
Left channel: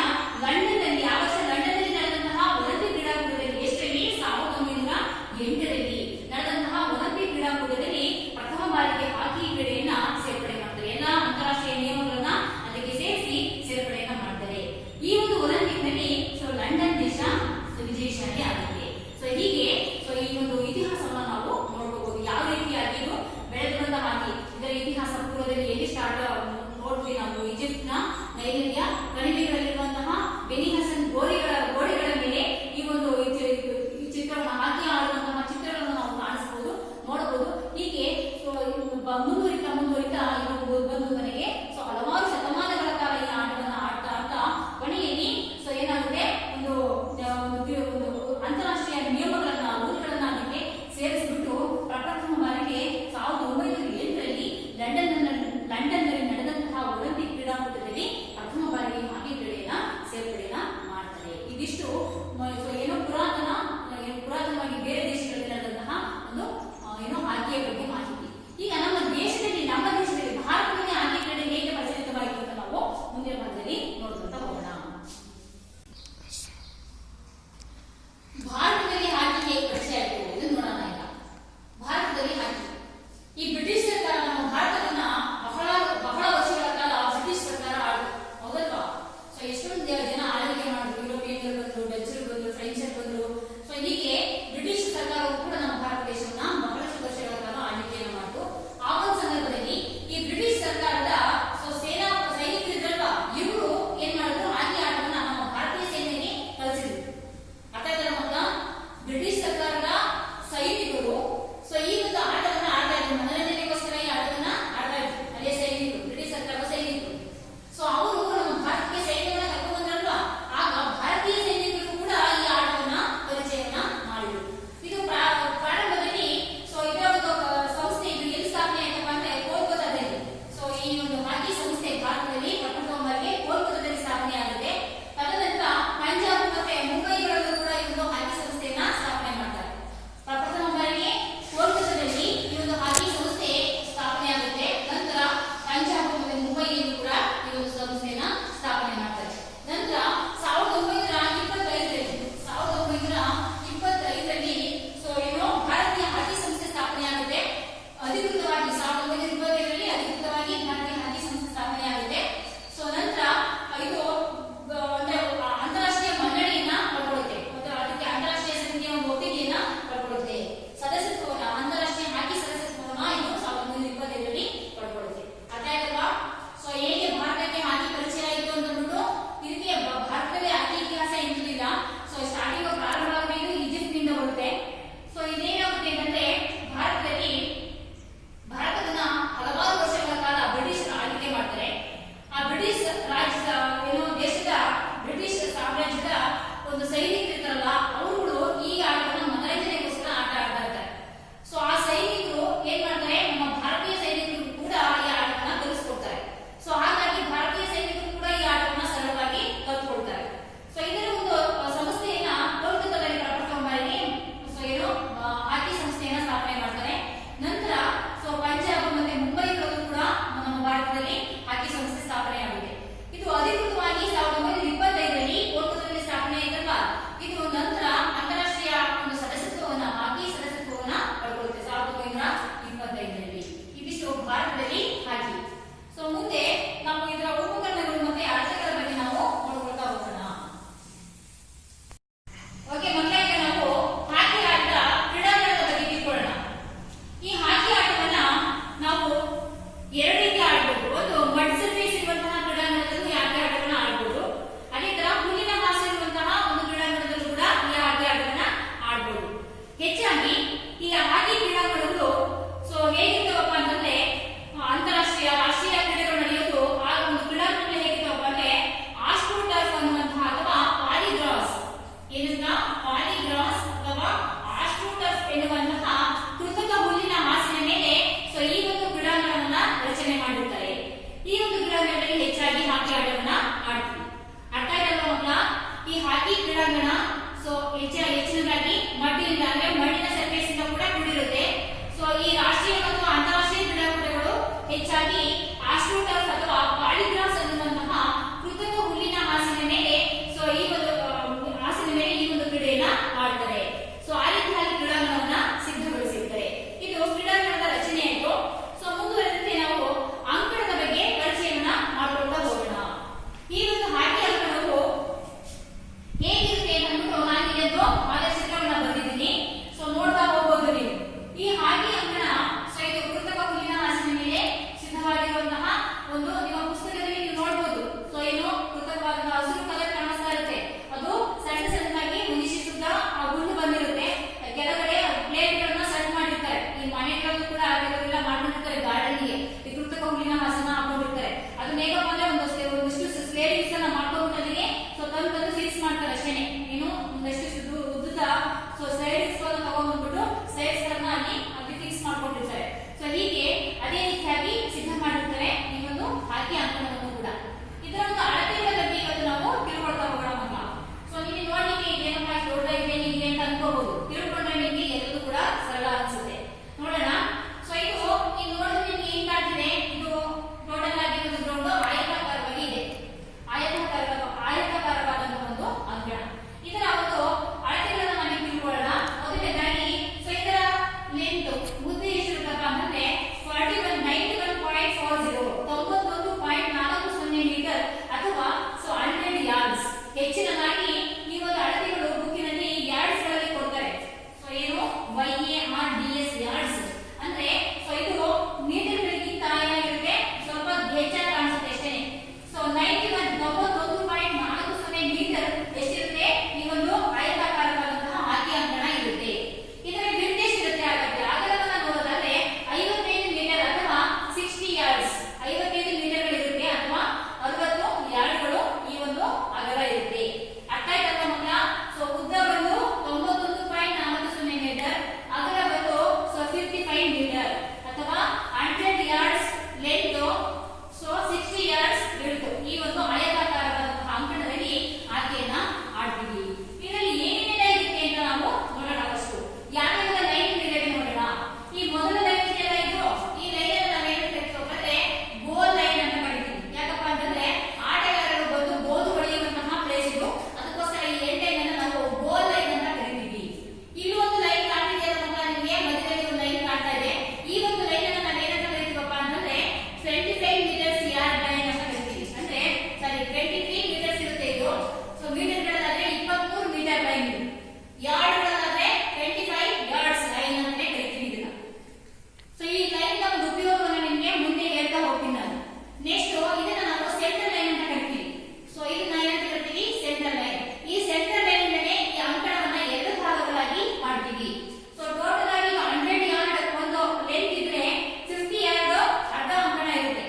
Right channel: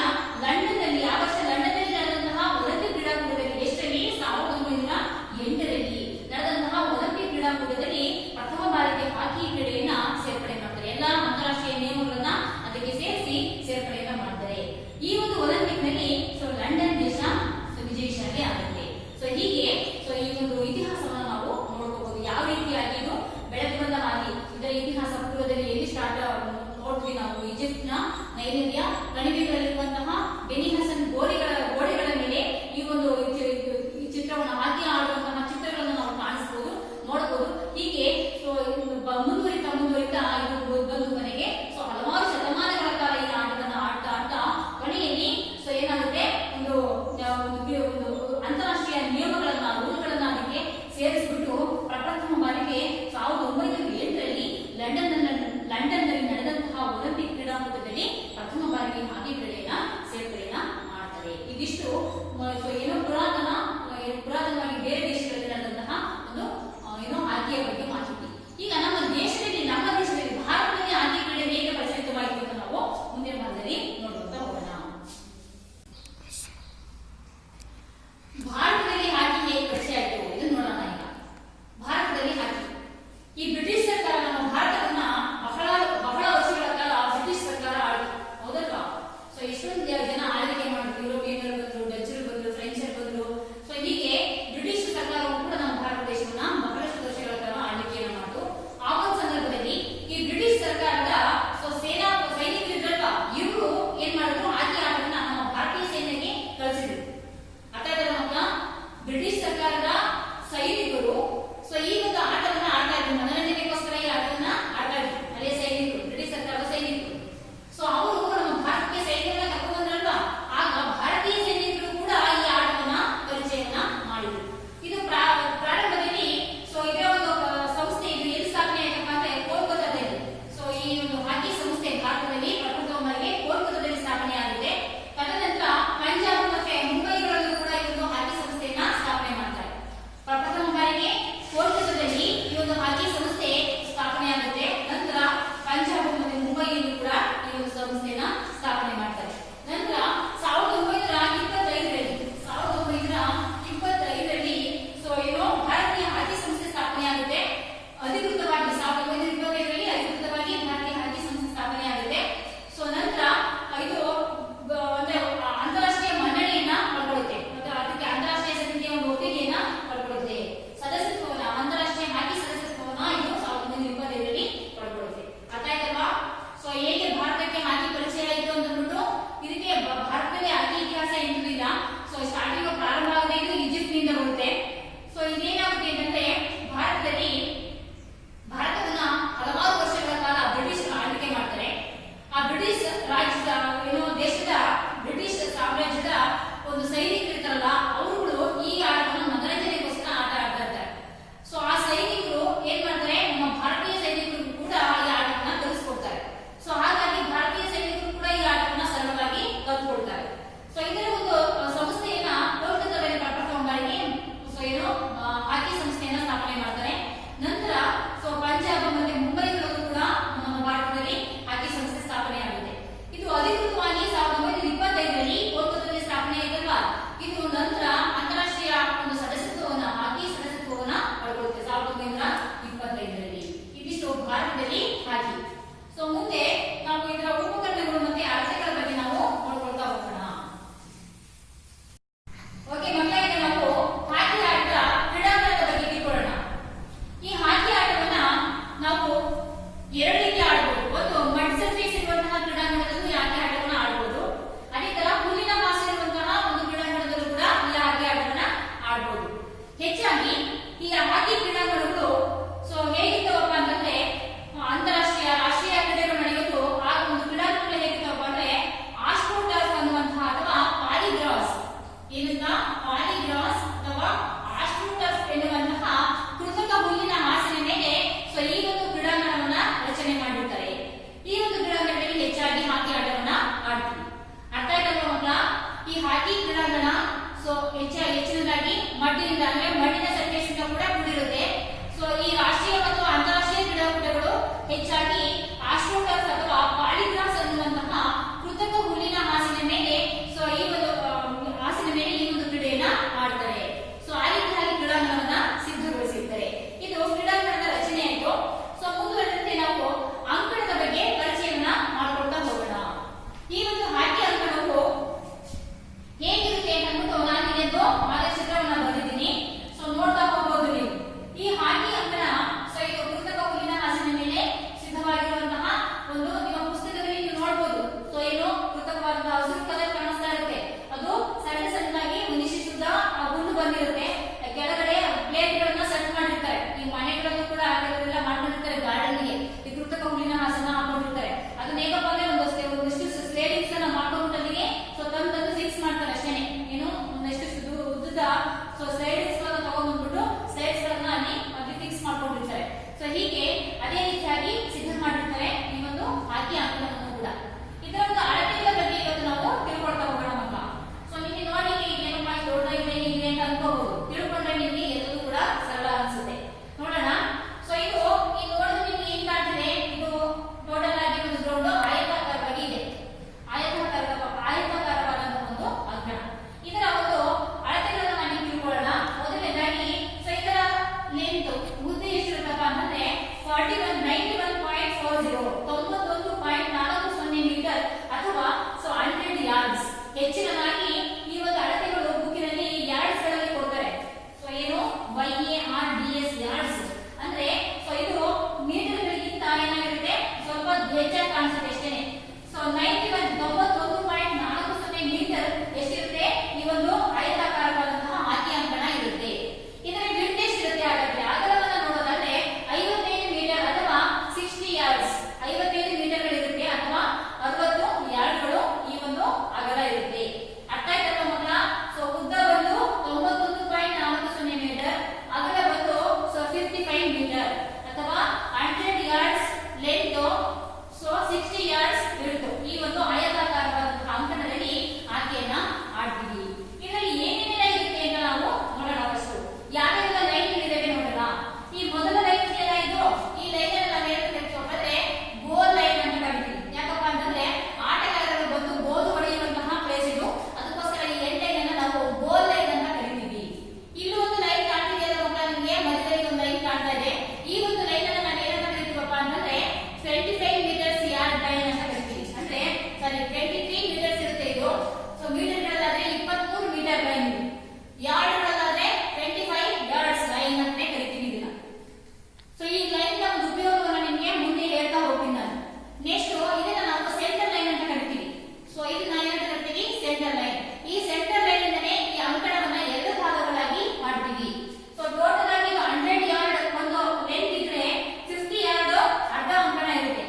ಎರಡು ರೀತಿ ಆಡ್ಬೋದು. ಒಂದು ಮಡ್ ಸರ್ಫೇಸ್ ಇರುವಂತಹ ಕ್ರೀಡಾಂಗಣದಲ್ಲೂ ಈ ಆಟೆ ಆಟಗಳನ್ನ ಆಡ್ಬೋದು. ಅದೇ ತರ ಹುಲ್ಲಿನ ಹಾಸು ಇರುವಂತಹ ಒಂದು ಕ್ರೀಡಾಂಗಣದಲ್ಲೂ ಕೂಡ ಈ ಆಟೆ ಆಟಗಳನ್ನ ಆಡ್ಬೋದು. ಹೆಚ್ಚಾಗಿ ಈ ಹಾಕಿ ಕ್ರೀಡಾಂಗಣಗಳು ಸೊ ಹೇಗಿರ್ತವಪ್ಪ ಅಂತಂದ್ರೆ ಅಂತಾರಾಷ್ಟ್ರೀಯ ರಾಷ್ಟ್ರೀಯ ಕ್ರೀಡೆಗಳು ನಡೆಯೋದು ಆ ಒಂದು ಕ್ರೀಡಾಂಗಣಗಳು ಹೇಗಿರ್ತವಪ್ಪ ಅಂದ್ರೆ ಆಸ್ಟ್ರೋಟರ್ಫ್ ಅನ್ನುವಂತಹ ಅಥವಾ ಪಾಲಿಗ್ರಾಸ್ ಏನಂತ ಪಾಲಿಗ್ರಾಸ್ ಅಥವಾ ಆಸ್ಟ್ರೋಟರ್ಫ್ ಎನ್ನುವಂತಹ ಕೃತಕ ಹುಲ್ಲಿನ ಹಾಸಿನ ಮೇಲೆ ಸೊ ಈ ಒಂದು ಕ್ರೀಡಾಂಗಣವನ್ನ ರಚನೆ ಮಾಡಿರ್ತಾರೆ. ಈ ಒಂದು ಕ್ರೀಡಾಂಗಣದಲ್ಲಿ ಹೆಚ್ಚಾಗಿ ಹಾಕಿ ಆಟವನ್ನ ಆಡ್ತೀವಿ. ಅರ್ಥ ಆಯ್ತಲ್ವ ಮಕ್ಕಳ? ಈ ಹಾಕಿ ಕ್ರೀಡಾಂಗಣ ಸೊ ಹೆಚ್ಚಿನದಾಗಿ ಮಣ್ಣಿನಿಂದ ಅಂದ್ರೆ ಮಣ್ಣಿನ ಸರ್ಫೇಸ್ ಇಂದ ಕೂಡ ಕೂಡಿರುತ್ತೆ. ಸೊ ಈ ರಾಷ್ಟ್ರೀಯ ಮತ್ತು ಅಂತಾರಾಷ್ಟ್ರೀಯ ಕ್ರೀಡಾಕೂಟಗಳು ಹೆಚ್ಚಾಗಿ ಆಸ್ಟ್ರೋಟರ್ಫ್ ಅಥವಾ ಪಾಲಿಗ್ರಾಸ್ ಅನ್ನುವಂತಹ ಕೃತಕ ಹುಲ್ಲಿನ ಹಾಸಿನ ಮೇಲೆ ಸೊ ಈ ಒಂದು ಹಾಸಿನ ಮೇಲೆ ಈ ಒಂದು ಕ್ರೀಡೆಯನ್ನ ಆಡ್ತಾರೆ. ಸೊ ಆ ರೀತಿಯಾಗಿ ಕ್ರೀಡಾಂಗಣವನ್ನ ಸಿದ್ಧಗೊಳಿಸಿರ್ತಾರೆ. ಇದು ಕ್ರೀಡಾಂಗಣದ ರಚನೆ ಆಯ್ತು. ಸೊ ಮುಂದುವರೆದಂತೆ ನಾವು ಅಂಕಣದ ಬಗ್ಗೆ ಪರಿಚಯವನ್ನ ಮಾಡ್ಕೊಳ್ತಾ ಹೋಗೋಣ. ಈ ಒಂದು ಹಾಕಿ ಅಂಕಣವು ಹೇಗಿರುತ್ತೆ ಅಂದ್ಬಿಟ್ಟು ನಾನು ಇದೊಂದು ಮಾರ್ಗಚಿತ್ರವನ್ನ ಬರೆದಿದ್ದೀನಿ. ಸೊ ನೋಡ್ತಾ ಹೋಗ್ಬೋದು ನೀವು. ಈ ಹಾಕಿ ಅಂಕಣ ಸೊ ಇದು ಕೃತಕ ಹುಲ್ಲಿನ ಹಾಸಿನ ಮೇಲೆ ಸಿದ್ಧವಾಗಿರುವಂತಹ ಒಂದು ನಿಮ್ಮ ಪುಸ್ತಕದಲ್ಲಿ ನೀವು ನೋಡಬಹುದು. ಸೊ ಏನು ಕೃತಕವಾದಂತಹ ಹಸಿರು ಕಲರ್ ಕಾಣಿಸ್ತಾ ಇರುತ್ತೆ. ಅದು ಸಣ್ಣ ಸಣ್ಣದಾಗಿ ಒಂದಿಷ್ಟು ಹುಲ್ಲು ಬಂದಿರುತ್ತೆ. ಕೆಳಗಡೆ ಪ್ಲೇಟ್ ಗಳನ್ನ ಸೆಟ್ ಮಾಡಿರ್ತಾರೆ. ಈ ಮನೆಗಳಲ್ಲೂ ಕೂಡ ಅವರೆಲ್ಲ ಮಾಡ್ಕೊಂಡಿರ್ತಾರೆ. ಗಾರ್ಡನ್ಗೆ ಈ ಕೃತಕ ಹುಲ್ಲಿನ ಹಾಸನ ಹಾಕೊಂಡಿರ್ತಾರೆ. ಅದನ್ನ ಹೇಗಪ್ಪ ಅಂದ್ರೆ ಒಂದಿಷ್ಟು ಸ್ಪೇರಿಂಗ್ಸ್ ಅನ್ನ ಮಾಡ್ಕೊಂಡ್ಬಿಟ್ಟಿಗೆ ಸೊ ತಂದು ಫಿಕ್ಸ್ ಮಾಡ್ತಾರೆ ಅಷ್ಟೇನೆ. ಏನು ಒಂದಷ್ಟು ಉದ್ದ ಸೊ ಸ್ಲೈಡ್ಸ್ ಗಳನ್ನ ತಗೊಂಡ್ಬಿಟ್ಟು ಸ್ಲೈಡ್ಸ್ ಗಳನ್ನ ಅಲ್ಲಿ ಫಿಕ್ಸ್ ಮಾಡ್ಕೊಂಡಿರ್ತಾರೆ. ಸೊ ಹೀಗೆ ಅದೇ ರೀತಿಯಾಗಿ ಸಿದ್ಧ ಮಾಡಿರ್ತಾರೆ ಈ ಒಂದು ಹಾಕಿ ಅಂಕಣವನ್ನು ಕೂಡ. ಇದರ ಒಂದು ಅಳತೆಗಳ ಬಗ್ಗೆ ಇವತ್ತು ನಾವು ತಿಳ್ಕೊಳ್ತಾ ಹೋಗೋಣ ಮಕ್ಕಳ. ಸೊ ನಿಮಗೆ ನೋಡ್ಲಿಕ್ಕೆ ಇದೇನಪ್ಪ ದೊಡ್ಡದಾಗಿದೆ ನೀವೇ ಅಂತ ಅನ್ಕೋಬಹುದು. ತಿಳ್ಕೊಂಡ್ರೆ ನಿಮಗೆ ಎಲ್ಲರೂ ಕೂಡ ಸರಳ ಅನ್ಸುತ್ತೆ. ನೋಡೋಣ. ಸೊ ಇದು ಈ ನೋಡಿದ್ರೆ ನಿಮ್ಗೆ ಏನ್ ಕಾಣ್ತಿದೆ? ಇದು ಟೋಟಲ್ ಆಗಿ ಒಂದು ಗ್ರೌಂಡ್ ಆಯತಾಕಾರವಾಗಿ ಇದೆ. ಆಯತಾಕಾರವಾದಂತಹ ಒಂದು ಅಂಕಣ. ಇದರ ಒಂದು ಅಳತೆಗಳನ್ನ ನಾವೀಗ ತಿಳ್ಕೊಳ್ಳೋಣ. ಮೊದಲನೇದಾಗಿ ಸೊ ಇದರ ಲೆಂತ್ ಉದ್ದ ಎಷ್ಟಿರುತ್ತಪ್ಪ ಅಂತಂದ್ರೆ 91.40 ಮೀಟರ್ ಅಥವಾ ಸೊ 100 ಯಾರ್ಡ್ಸ್. ಹೆಚ್ಚಿನದಾಗಿ ಈ ಒಂದು ಅಳತೆಗಳು ಬುಕ್ಕಿನಲ್ಲಿ ಯಾರ್ಡ್ಸ್ ಗಳಲ್ಲಿ ಕೊಡ್ತಾರೆ. ಸೊ ಏನು YARDS ಯಾರ್ಡ್ಸ್ ಅಂದ್ರೆ ಸೊ ಇದು ಮೀಟರ್ಗಳಿಗಿಂತ ಏನಾಗಿರುತ್ತೆ ಸ್ವಲ್ಪ ಹೆಚ್ಚಾಗಿ ಕಾಣಿಸುತ್ತೆ ಅಷ್ಟೇನೆ. ಸೊ 91.40 ಮೀಟರ್ ಎಷ್ಟಿರುತ್ತೆ ಈ ಒಂದು ಆಯತಾಕಾರವಾದಂತಹ ಹಾಕಿ ಅಂಕಣ ಇರುತ್ತೆ. ಇದರ ವಿಡ್ತ್ ಎಷ್ಟಿರುತ್ತೆ ಹಾಗಾದ್ರೆ ಅಗಲವನ್ನ ನೋಡೋದಾದ್ರೆ 55 ಮೀಟರ್ ಅಥವಾ 60 ಯಾರ್ಡ್ಸ್. 55 ಮೀಟರ್ಗಳಿರುತ್ತೆ ಅಥವಾ 60 ಯಾರ್ಡ್ಗಳು ಈ ಒಂದು ಅಗಲ ಇರುತ್ತೆ. ಅರ್ಥ ಆಯ್ತಲ್ವ ಮಕ್ಕಳ? ಸೊ ಉದ್ದ ಬಂದು 91.40 ಮೀಟರ್, ಅಗಲ ಬಂದು ಸೊ 55 ಮೀಟರ್ ಅಥವಾ 100 yards length so 60 yards width. ಈ ಒಂದು ಆಯತಾಕಾರವಾದಂತಹ ಅಂಕಣದಲ್ಲಿ ಆಕೆಯನ್ನ ಆಡ್ತೀವಿ. ಇದರಲ್ಲಿ ಏನೇನೆಲ್ಲ ಇರುತ್ತೆ ಅಂತ ನಾವು ನೋಡೋಣ. ಫಸ್ಟ್ ಯಾವ್ಯಾವ ಲೈನ್ ಇದಾವೆ ನೋಡೋಣ. ಈ ಮೊದಲ ಲೈನ್ ಇದೆಯಲ್ಲ ಇದು ಈ ಲೈನ್ ಅನ್ನ ನಾವು ಏನಂತ ಕರೀತೀವಿ? ಗೋಲ್ ಲೈನ್ ಅಂತ ಕರಿತೀವಿ. ಯಾಕಪ್ಪ ಅಂತಂದ್ರೆ ಆಟಗಾರರು ಬಂದು ಗೋಲ್ ಹೊಡೆಯುವಂತಹ ಪ್ಲೇಸ್ ಇದು. ಅದಕ್ಕೋಸ್ಕರ ಈ ಎಂಡ್ ಲೈನ್ ಅನ್ನು ನಾವು ಗೋಲ್ ಲೈನ್ ಅಂತ ಕರಿತೀವಿ. ಇಲ್ಲಿ ಒಂದು ಲೈನ್ ಕಾಣ್ತಿದೆಯಲ್ಲ ಮಕ್ಕಳ ನಿಮಗೆ ಮಧ್ಯದಲ್ಲಿ ಒಂದು ಲೈನ್ ಕಾಣ್ತಾ ಇದೆ. ಈ ಒಂದು ಲೈನ್ ಅನ್ನು ನಾವು ಏನಂತ ಕರಿತೀವಪ್ಪ ಅಂತಂದ್ರೆ 25 ಮೀಟರ್ಸ್ ಯಾರ್ಡ್ ಲೈನ್ ಅಂತ ಕರಿತೀವಿ. ಅಂದ್ರೆ ಸರಿ 23 ಮೀಟರ್ಸ್ ಇರುತ್ತೆ ಇದು. ಸೊ ಮೀಟರ್ಗಳಾದ್ರೆ 23 ಮೀಟರ್ ಲೈನ್, ಯಾರ್ಡ್ಗಳಾದ್ರೆ 25 ಯಾರ್ಡ್ಸ್ ಲೈನ್ ಅಂತ ಕರಿತೀವಿ ಇದನ್ನ. ಸೊ ಈ ಲೈನ್ ನ ಒಂದು ಉಪಯೋಗವನ್ನ ನಿಮಗೆ ಮುಂದೆ ಹೇಳ್ತಾ ಹೋಗ್ತೀನಿ ನಾನು. ನೆಕ್ಸ್ಟ್ ಇದನ್ನ ನಾವು ಸೆಂಟರ್ ಲೈನ್ ಅಂತ ಕರಿತೀವಿ. ಸೊ ಇದನ್ನ ಏನಂತ ಕರಿತೀವಿ? Centre line. ಈ ಸೆಂಟರ್ ಲೈನ್ ಇಂದನೇ ಈ ಅಂಕಣವನ್ನ ಎರಡು ಭಾಗಗಳಾಗಿ ಮಾಡ್ತೀವಿ. ಸೊ ಟೋಟಲ್ ಆಗಿ 100 ಯಾರ್ಡ್ ಒಂದು ಲೆಂತ್ ಇದ್ರೆ 50 ಯಾರ್ಡ್ ಅರ್ಧ ಅಂಕಣ ಇರುತ್ತೆ.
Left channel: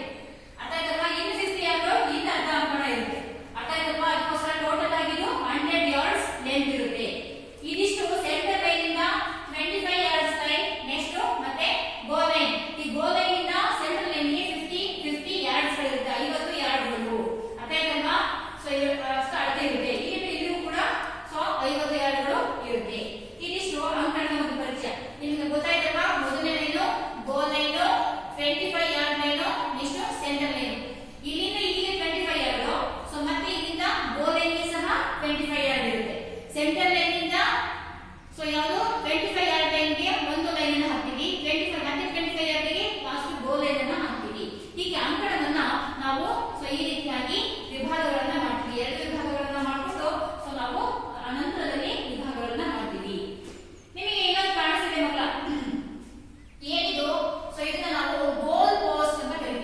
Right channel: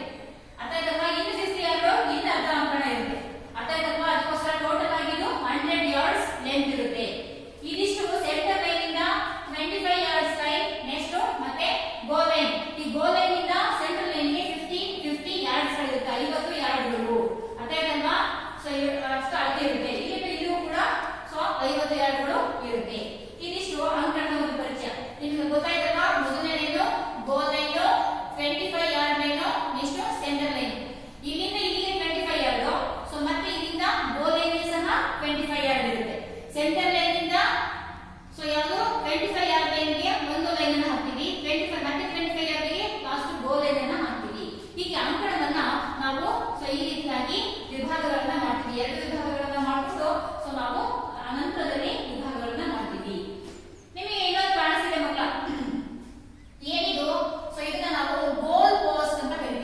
ಅರ್ಥ ಆಯ್ತಲ್ವಾ? ಇನ್ನು 50 ಯಾರ್ಡ್ ಇನ್ನು ಅರ್ಧ ಅಂಕಣ ಇರುತ್ತೆ. ಅರ್ಥ ಆಯ್ತಲ್ವಾ? ಅದಕ್ಕೋಸ್ಕರ ಟೋಟಲ್ ಆಗಿ 100 ಯಾರ್ಡ್ಸ್ ಲೆಂತ್ ಇರುತ್ತೆ. ಇದಿಷ್ಟು ಸೆಂಟರ್ ಲೈನ್ ಇಂದ 25 ಯಾರ್ಡ್ಸ್ ಲೈನ್. ನೆಕ್ಸ್ಟ್ ಮತ್ತೆ ಗೋಲ್ ಲೈನ್. ಈ ಗೋಲ್ ಲೈನ್ ಇಂದ ಸೆಂಟರ್ ಲೈನ್ ಗೆ 50 ಯಾರ್ಡ್ಸ್ ಗಳಿರುತ್ತೆ. 50 ಯಾರ್ಡ್ಗಳು. ಅರ್ಥ ಆಯ್ತಲ್ವಾ? ಸೊ ಅಷ್ಟು ಅಳತೆ ಇರುತ್ತೆ. ಇಲ್ಲಿಗೂ ಕೂಡ ಸೊ 50 ಯಾರ್ಡ್ಗಳು ಇರುತ್ತೆ. ಇದಿಷ್ಟು ಅಂಕಣದ ಒಂದು ಪರಿಚಯ. ನಿಮ್ಗೆ ಗೊತ್ತಾಯ್ತಲ್ವಾ? ಮೊದಲನೇದು goal line, 25 yard line, next centre line. ಇಲ್ಲಿಂದ ಇಲ್ಲಿಗೆ 25 ಯಾರ್ಡ್. ಸೊ ಮತ್ತೆ ಇಲ್ಲಿಂದ ಗೋಲ್ ಲೈನ್ ಗೆ ಸಹ 25 ಯಾರ್ಡ್ ಇರುತ್ತೆ. ಸೆಂಟರ್ ಲೈನ್ ಇಂದ ಸೊ ಯಾವುದು 25 ಯಾರ್ಡ್ ಲೈನ್ ಗೆ ಒಂದು ಲೈನ್ ಅನ್ನು ಹಾಕ್ತೀವಿ. 25 ಯಾರ್ಡ್ ಗೆ ಲಾಸ್ಟ್ ಗೋಲ್ ಲೈನ್ ಅನ್ನು ಹಾಕ್ತೀವಿ. ಹೀಗೆ ಅಂಕಣವನ್ನ ನಾವು ಸೊ ಈ ರೀತಿಯಾಗಿ ವಿಭಾಗಗಳನ್ನ ಮಾಡ್ತೀವಿ. ಎರಡು ವಿಭಾಗಗಳನ್ನ ಮಾಡ್ಕೊಂಡು ಸೊ ನಾವು ಅನಂತರದಲ್ಲಿ ವಿಭಾಗಗಳನ್ನ ಮಾಡ್ತೀವಿ. ನಿಮಗೆ ಇನ್ನೊಂದು ಕಾಣಿಸಿದೆ ಮಕ್ಕಳ ಏನಿದು? ಸೊ ಇದನ್ನ ನಾವು ಗೋಲ್ ಪೋಸ್ಟ್ ಅಂತ ಕರಿತೀವಿ.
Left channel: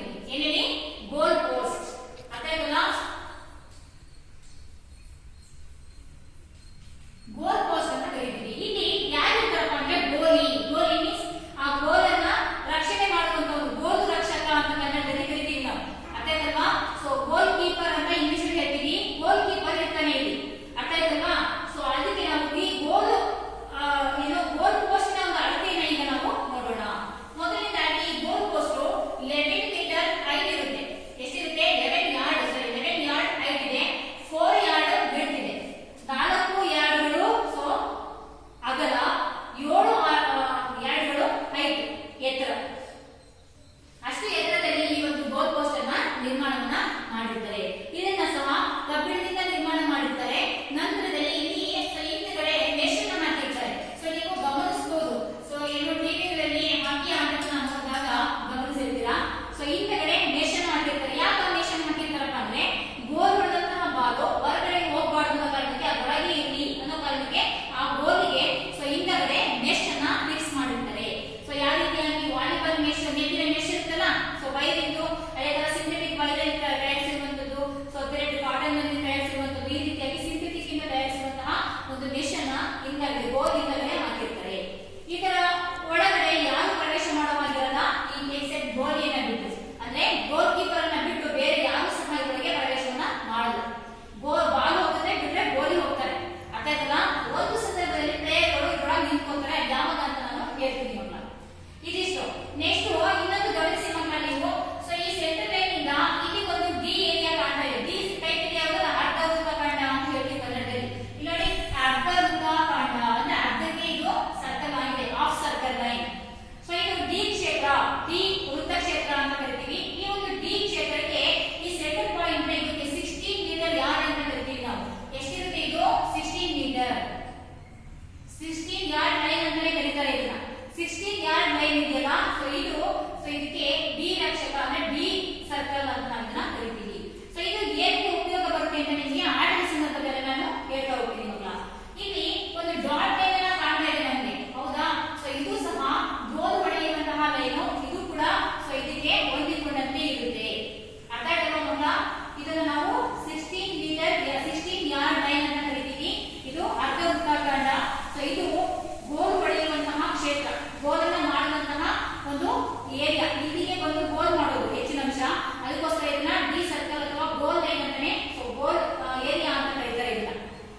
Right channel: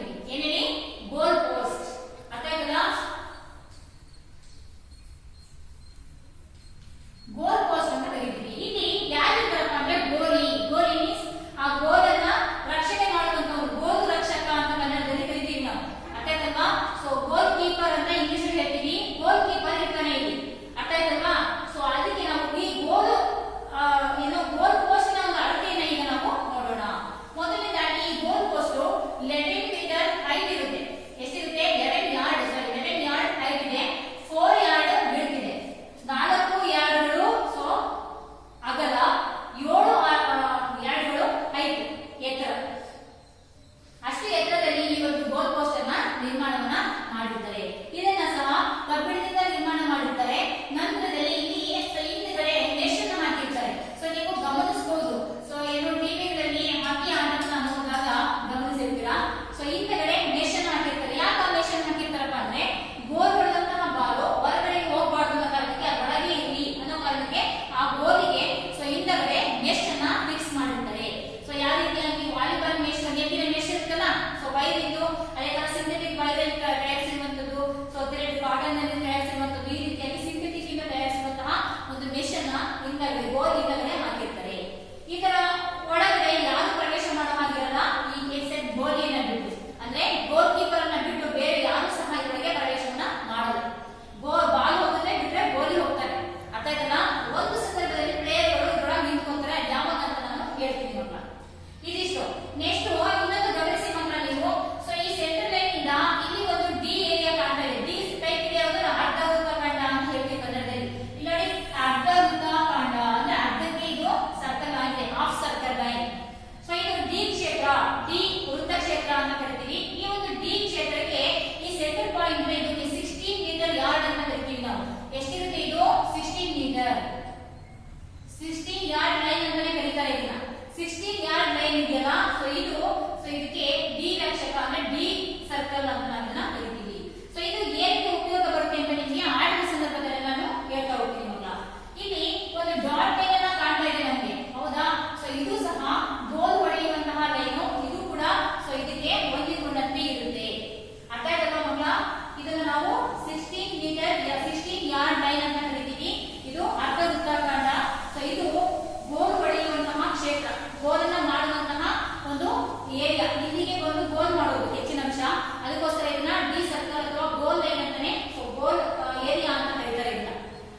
ಅದಕ್ಕೋಸ್ಕರ ಇದನ್ನ ಡಿ ಸರ್ಕಲ್ ಅಥವಾ ಗೋಲ್ ಲೈನ್ ಅಂತಾನೆ ಗೋಲ್ ಏರಿಯಾ ಅಂತ ಕರೀತಾರೆ ಇದನ್ನ.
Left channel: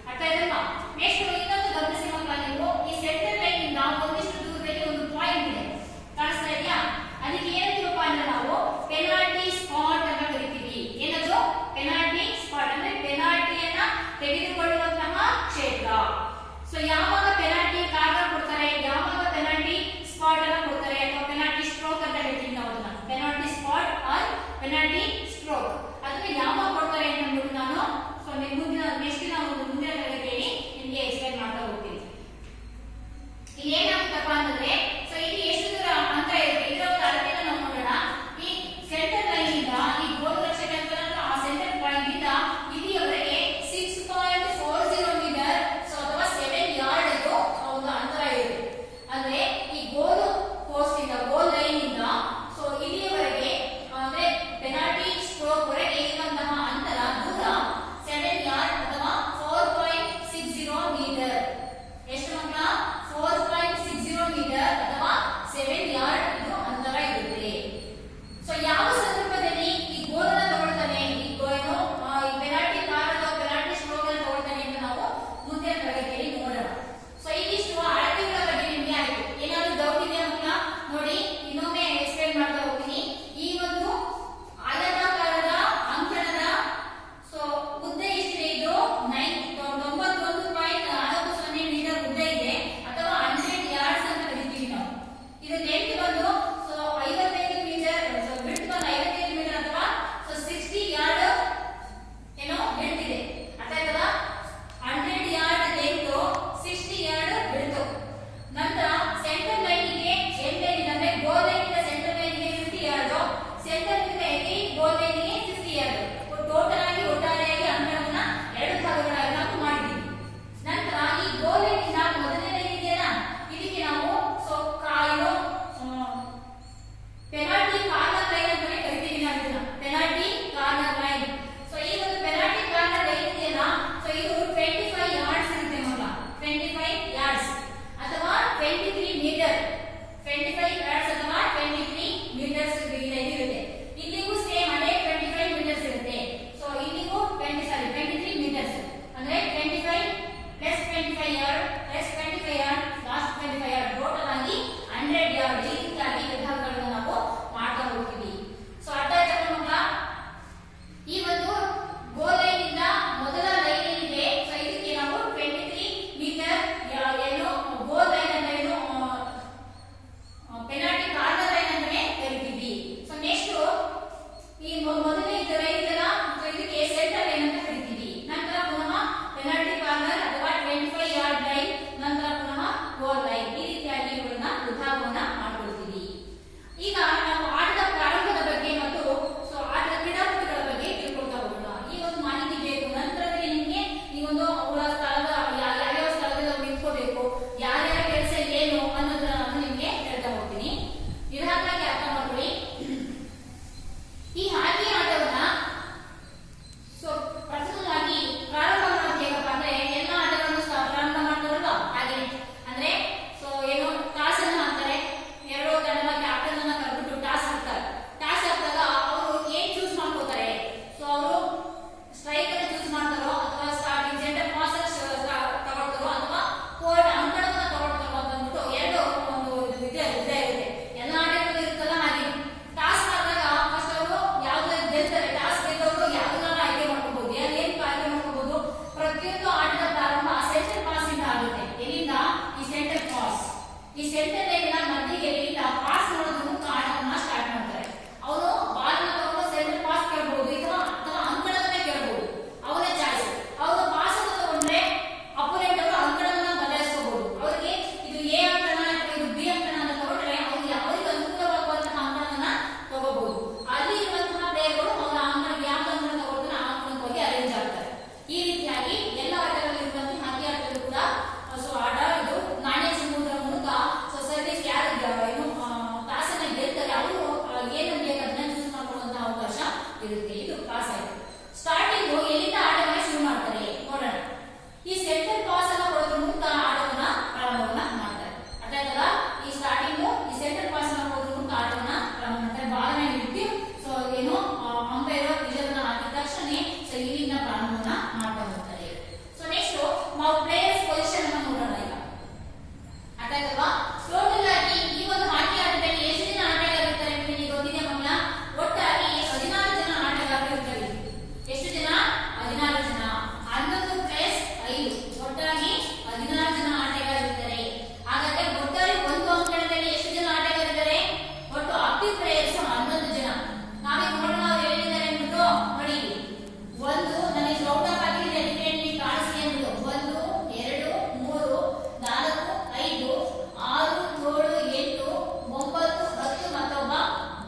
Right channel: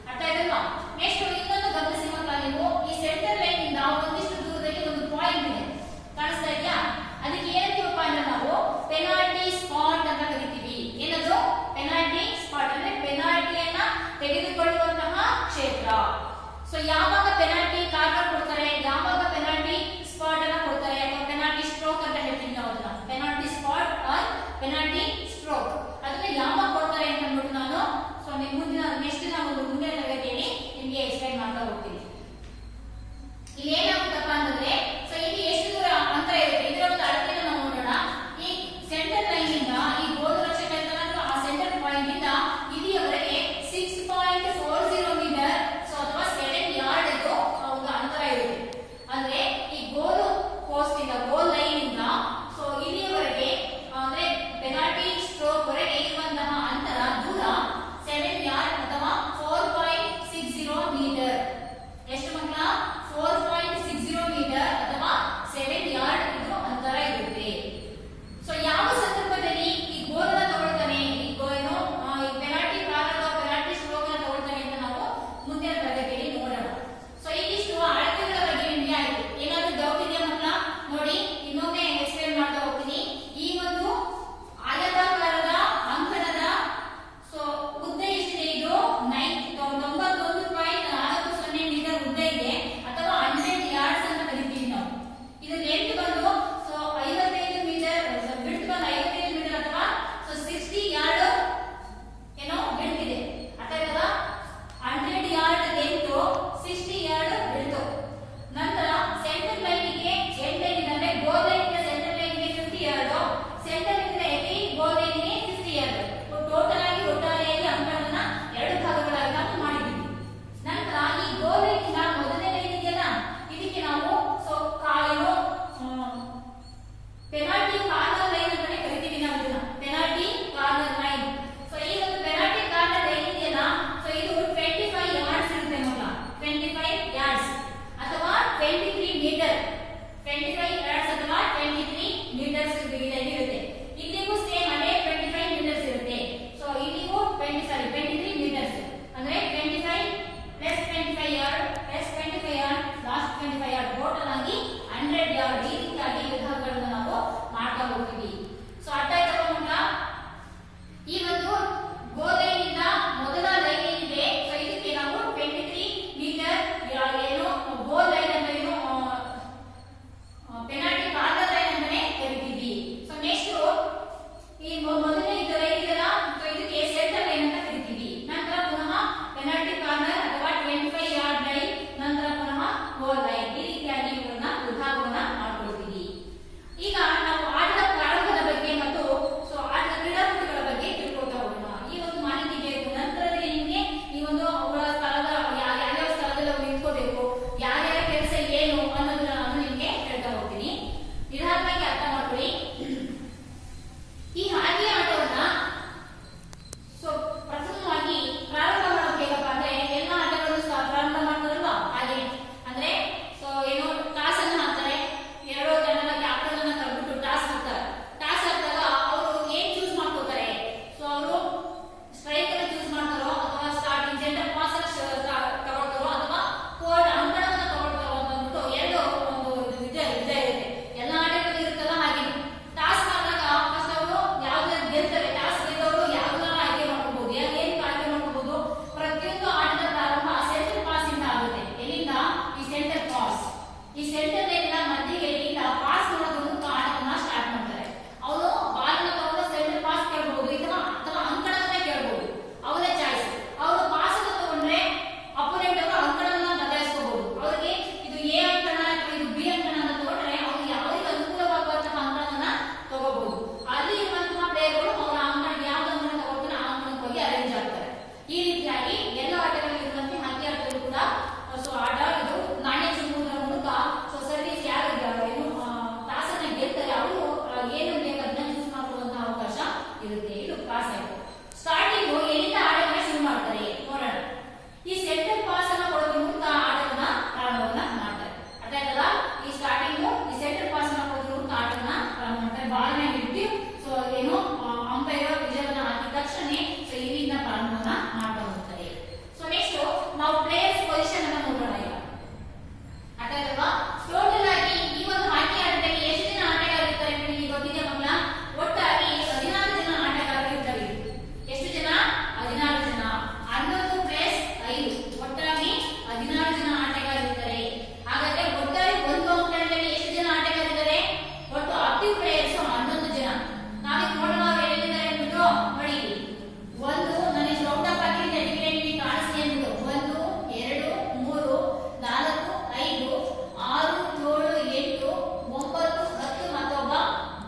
ಅರ್ಥ ಆಯ್ತಲ್ವಾ? ನೆಕ್ಸ್ಟ್ ಇನ್ನೊಂದು ಗಮನಿಸಿ ಮಕ್ಕಳ, ನೀವು ಈ ಸೆಂಟರ್ ಲೈನ್ ಇಂದ ಒಂದಿಷ್ಟು ದೂರದಲ್ಲಿ ಒಂದು ಪಾಯಿಂಟ್ ಇದೆ, ಕಾಣಿಸ್ತಾ ಇದೆಯಾ? ಅದಕ್ಕೆ ಏನಂತೀವಪ್ಪ ಅಂದ್ರೆ ನಾವು ಪೆನಾಲ್ಟಿ ಸ್ಪಾಟ್ ಅಂತ ಕರಿತೀವಿ. ಏನದು ಪೆನಾಲ್ಟಿ ಸ್ಪಾಟ್ ಅಂದ್ರೆ ಪೆನಾಲ್ಟಿಯನ್ನ ತೆಗೆದುಕೊಳ್ಳುವಂತಹ ಕ್ಷೇತ್ರ. ಸೊ ಯಾವಾಗ ಪೆನಾಲ್ಟಿ ಕಾರ್ನರ್ ಕೊಡ್ತಾರೆ, ಯಾವಾಗ ಪೆನಾಲ್ಟಿ ಸ್ಪಾಟ್ ಅನ್ನ ಕೊಡ್ತಾರೆ ಅಥವಾ ಪೆನಾಲ್ಟಿ ಸ್ಟ್ರೋಕ್ ಅಂತ ಹೇಳ್ತೀವಿ ನಾವು ಅದನ್ನ, penalty spot or penalty stroke, ಅದನ್ನ ಯಾವಾಗ ಕೊಡ್ತಾರೆ ಅಂತ ಅಂದ್ಬಿಟ್ಟು ನಾನು ಸೊ ನಿಮ್ಗೆ ಮುಂದಿನ ನೆಕ್ಸ್ಟ್ ನಾವು ಮುಂದಿನ ತರಗತಿಯಲ್ಲಿ ನಿಮ್ಗೆ ಎಕ್ಸ್ಪ್ಲೈನ್ ಮಾಡ್ತಾ ಹೋಗ್ತೀನಿ. ಇಲ್ಲಿ ಏನಾಗುತ್ತಪ್ಪ ಅಂತಂದ್ರೆ ಸೊ ಇಲ್ಲಿ ಎಷ್ಟು ದೂರ ಅಂತರ ಇರುತ್ತೆ ಇದರ ಒಂದು ಅಳತೆಯನ್ನು ನಾವು ನೋಡೋಣ. ಈ ಸೆಂಟರ್ ಲೈನ್ ಇಂದ ಈ ಗೋಲ್ ರಕ್ಷಕ ಆ ಸೆಂಟರ್ ಪಾಯಿಂಟ್ ಇಂದ ಇಲ್ಲಿಯವರೆಗೆ 6.40 ಮೀಟರ್ ಸೊ ಅಥವಾ 7 ಯಾರ್ಡ್ ಇದು ಒಂದು ಅಂತರ ಇರುತ್ತೆ. ಅಂದ್ರೆ ಈ ಗೋಲ್ ಪೋಸ್ಟ್ ಇಂದ ಗೋಲ್ ಲೈನ್ ಇಂದ ಸೊ ಇಲ್ಲಿಯವರೆಗೆ ಅಂದ್ರೆ ಪೆನಾಲ್ಟಿ ಸ್ಟ್ರೋಕ್ ವರೆಗೆ ಇರುವಂತಹ ಅಂತರ ದೂರ 7 ಯಾರ್ಡ್ ಅಥವಾ 4.60 ಮೀಟರ್. ಎಷ್ಟು ಮಕ್ಕಳ? 4.60 ಮೀಟರ್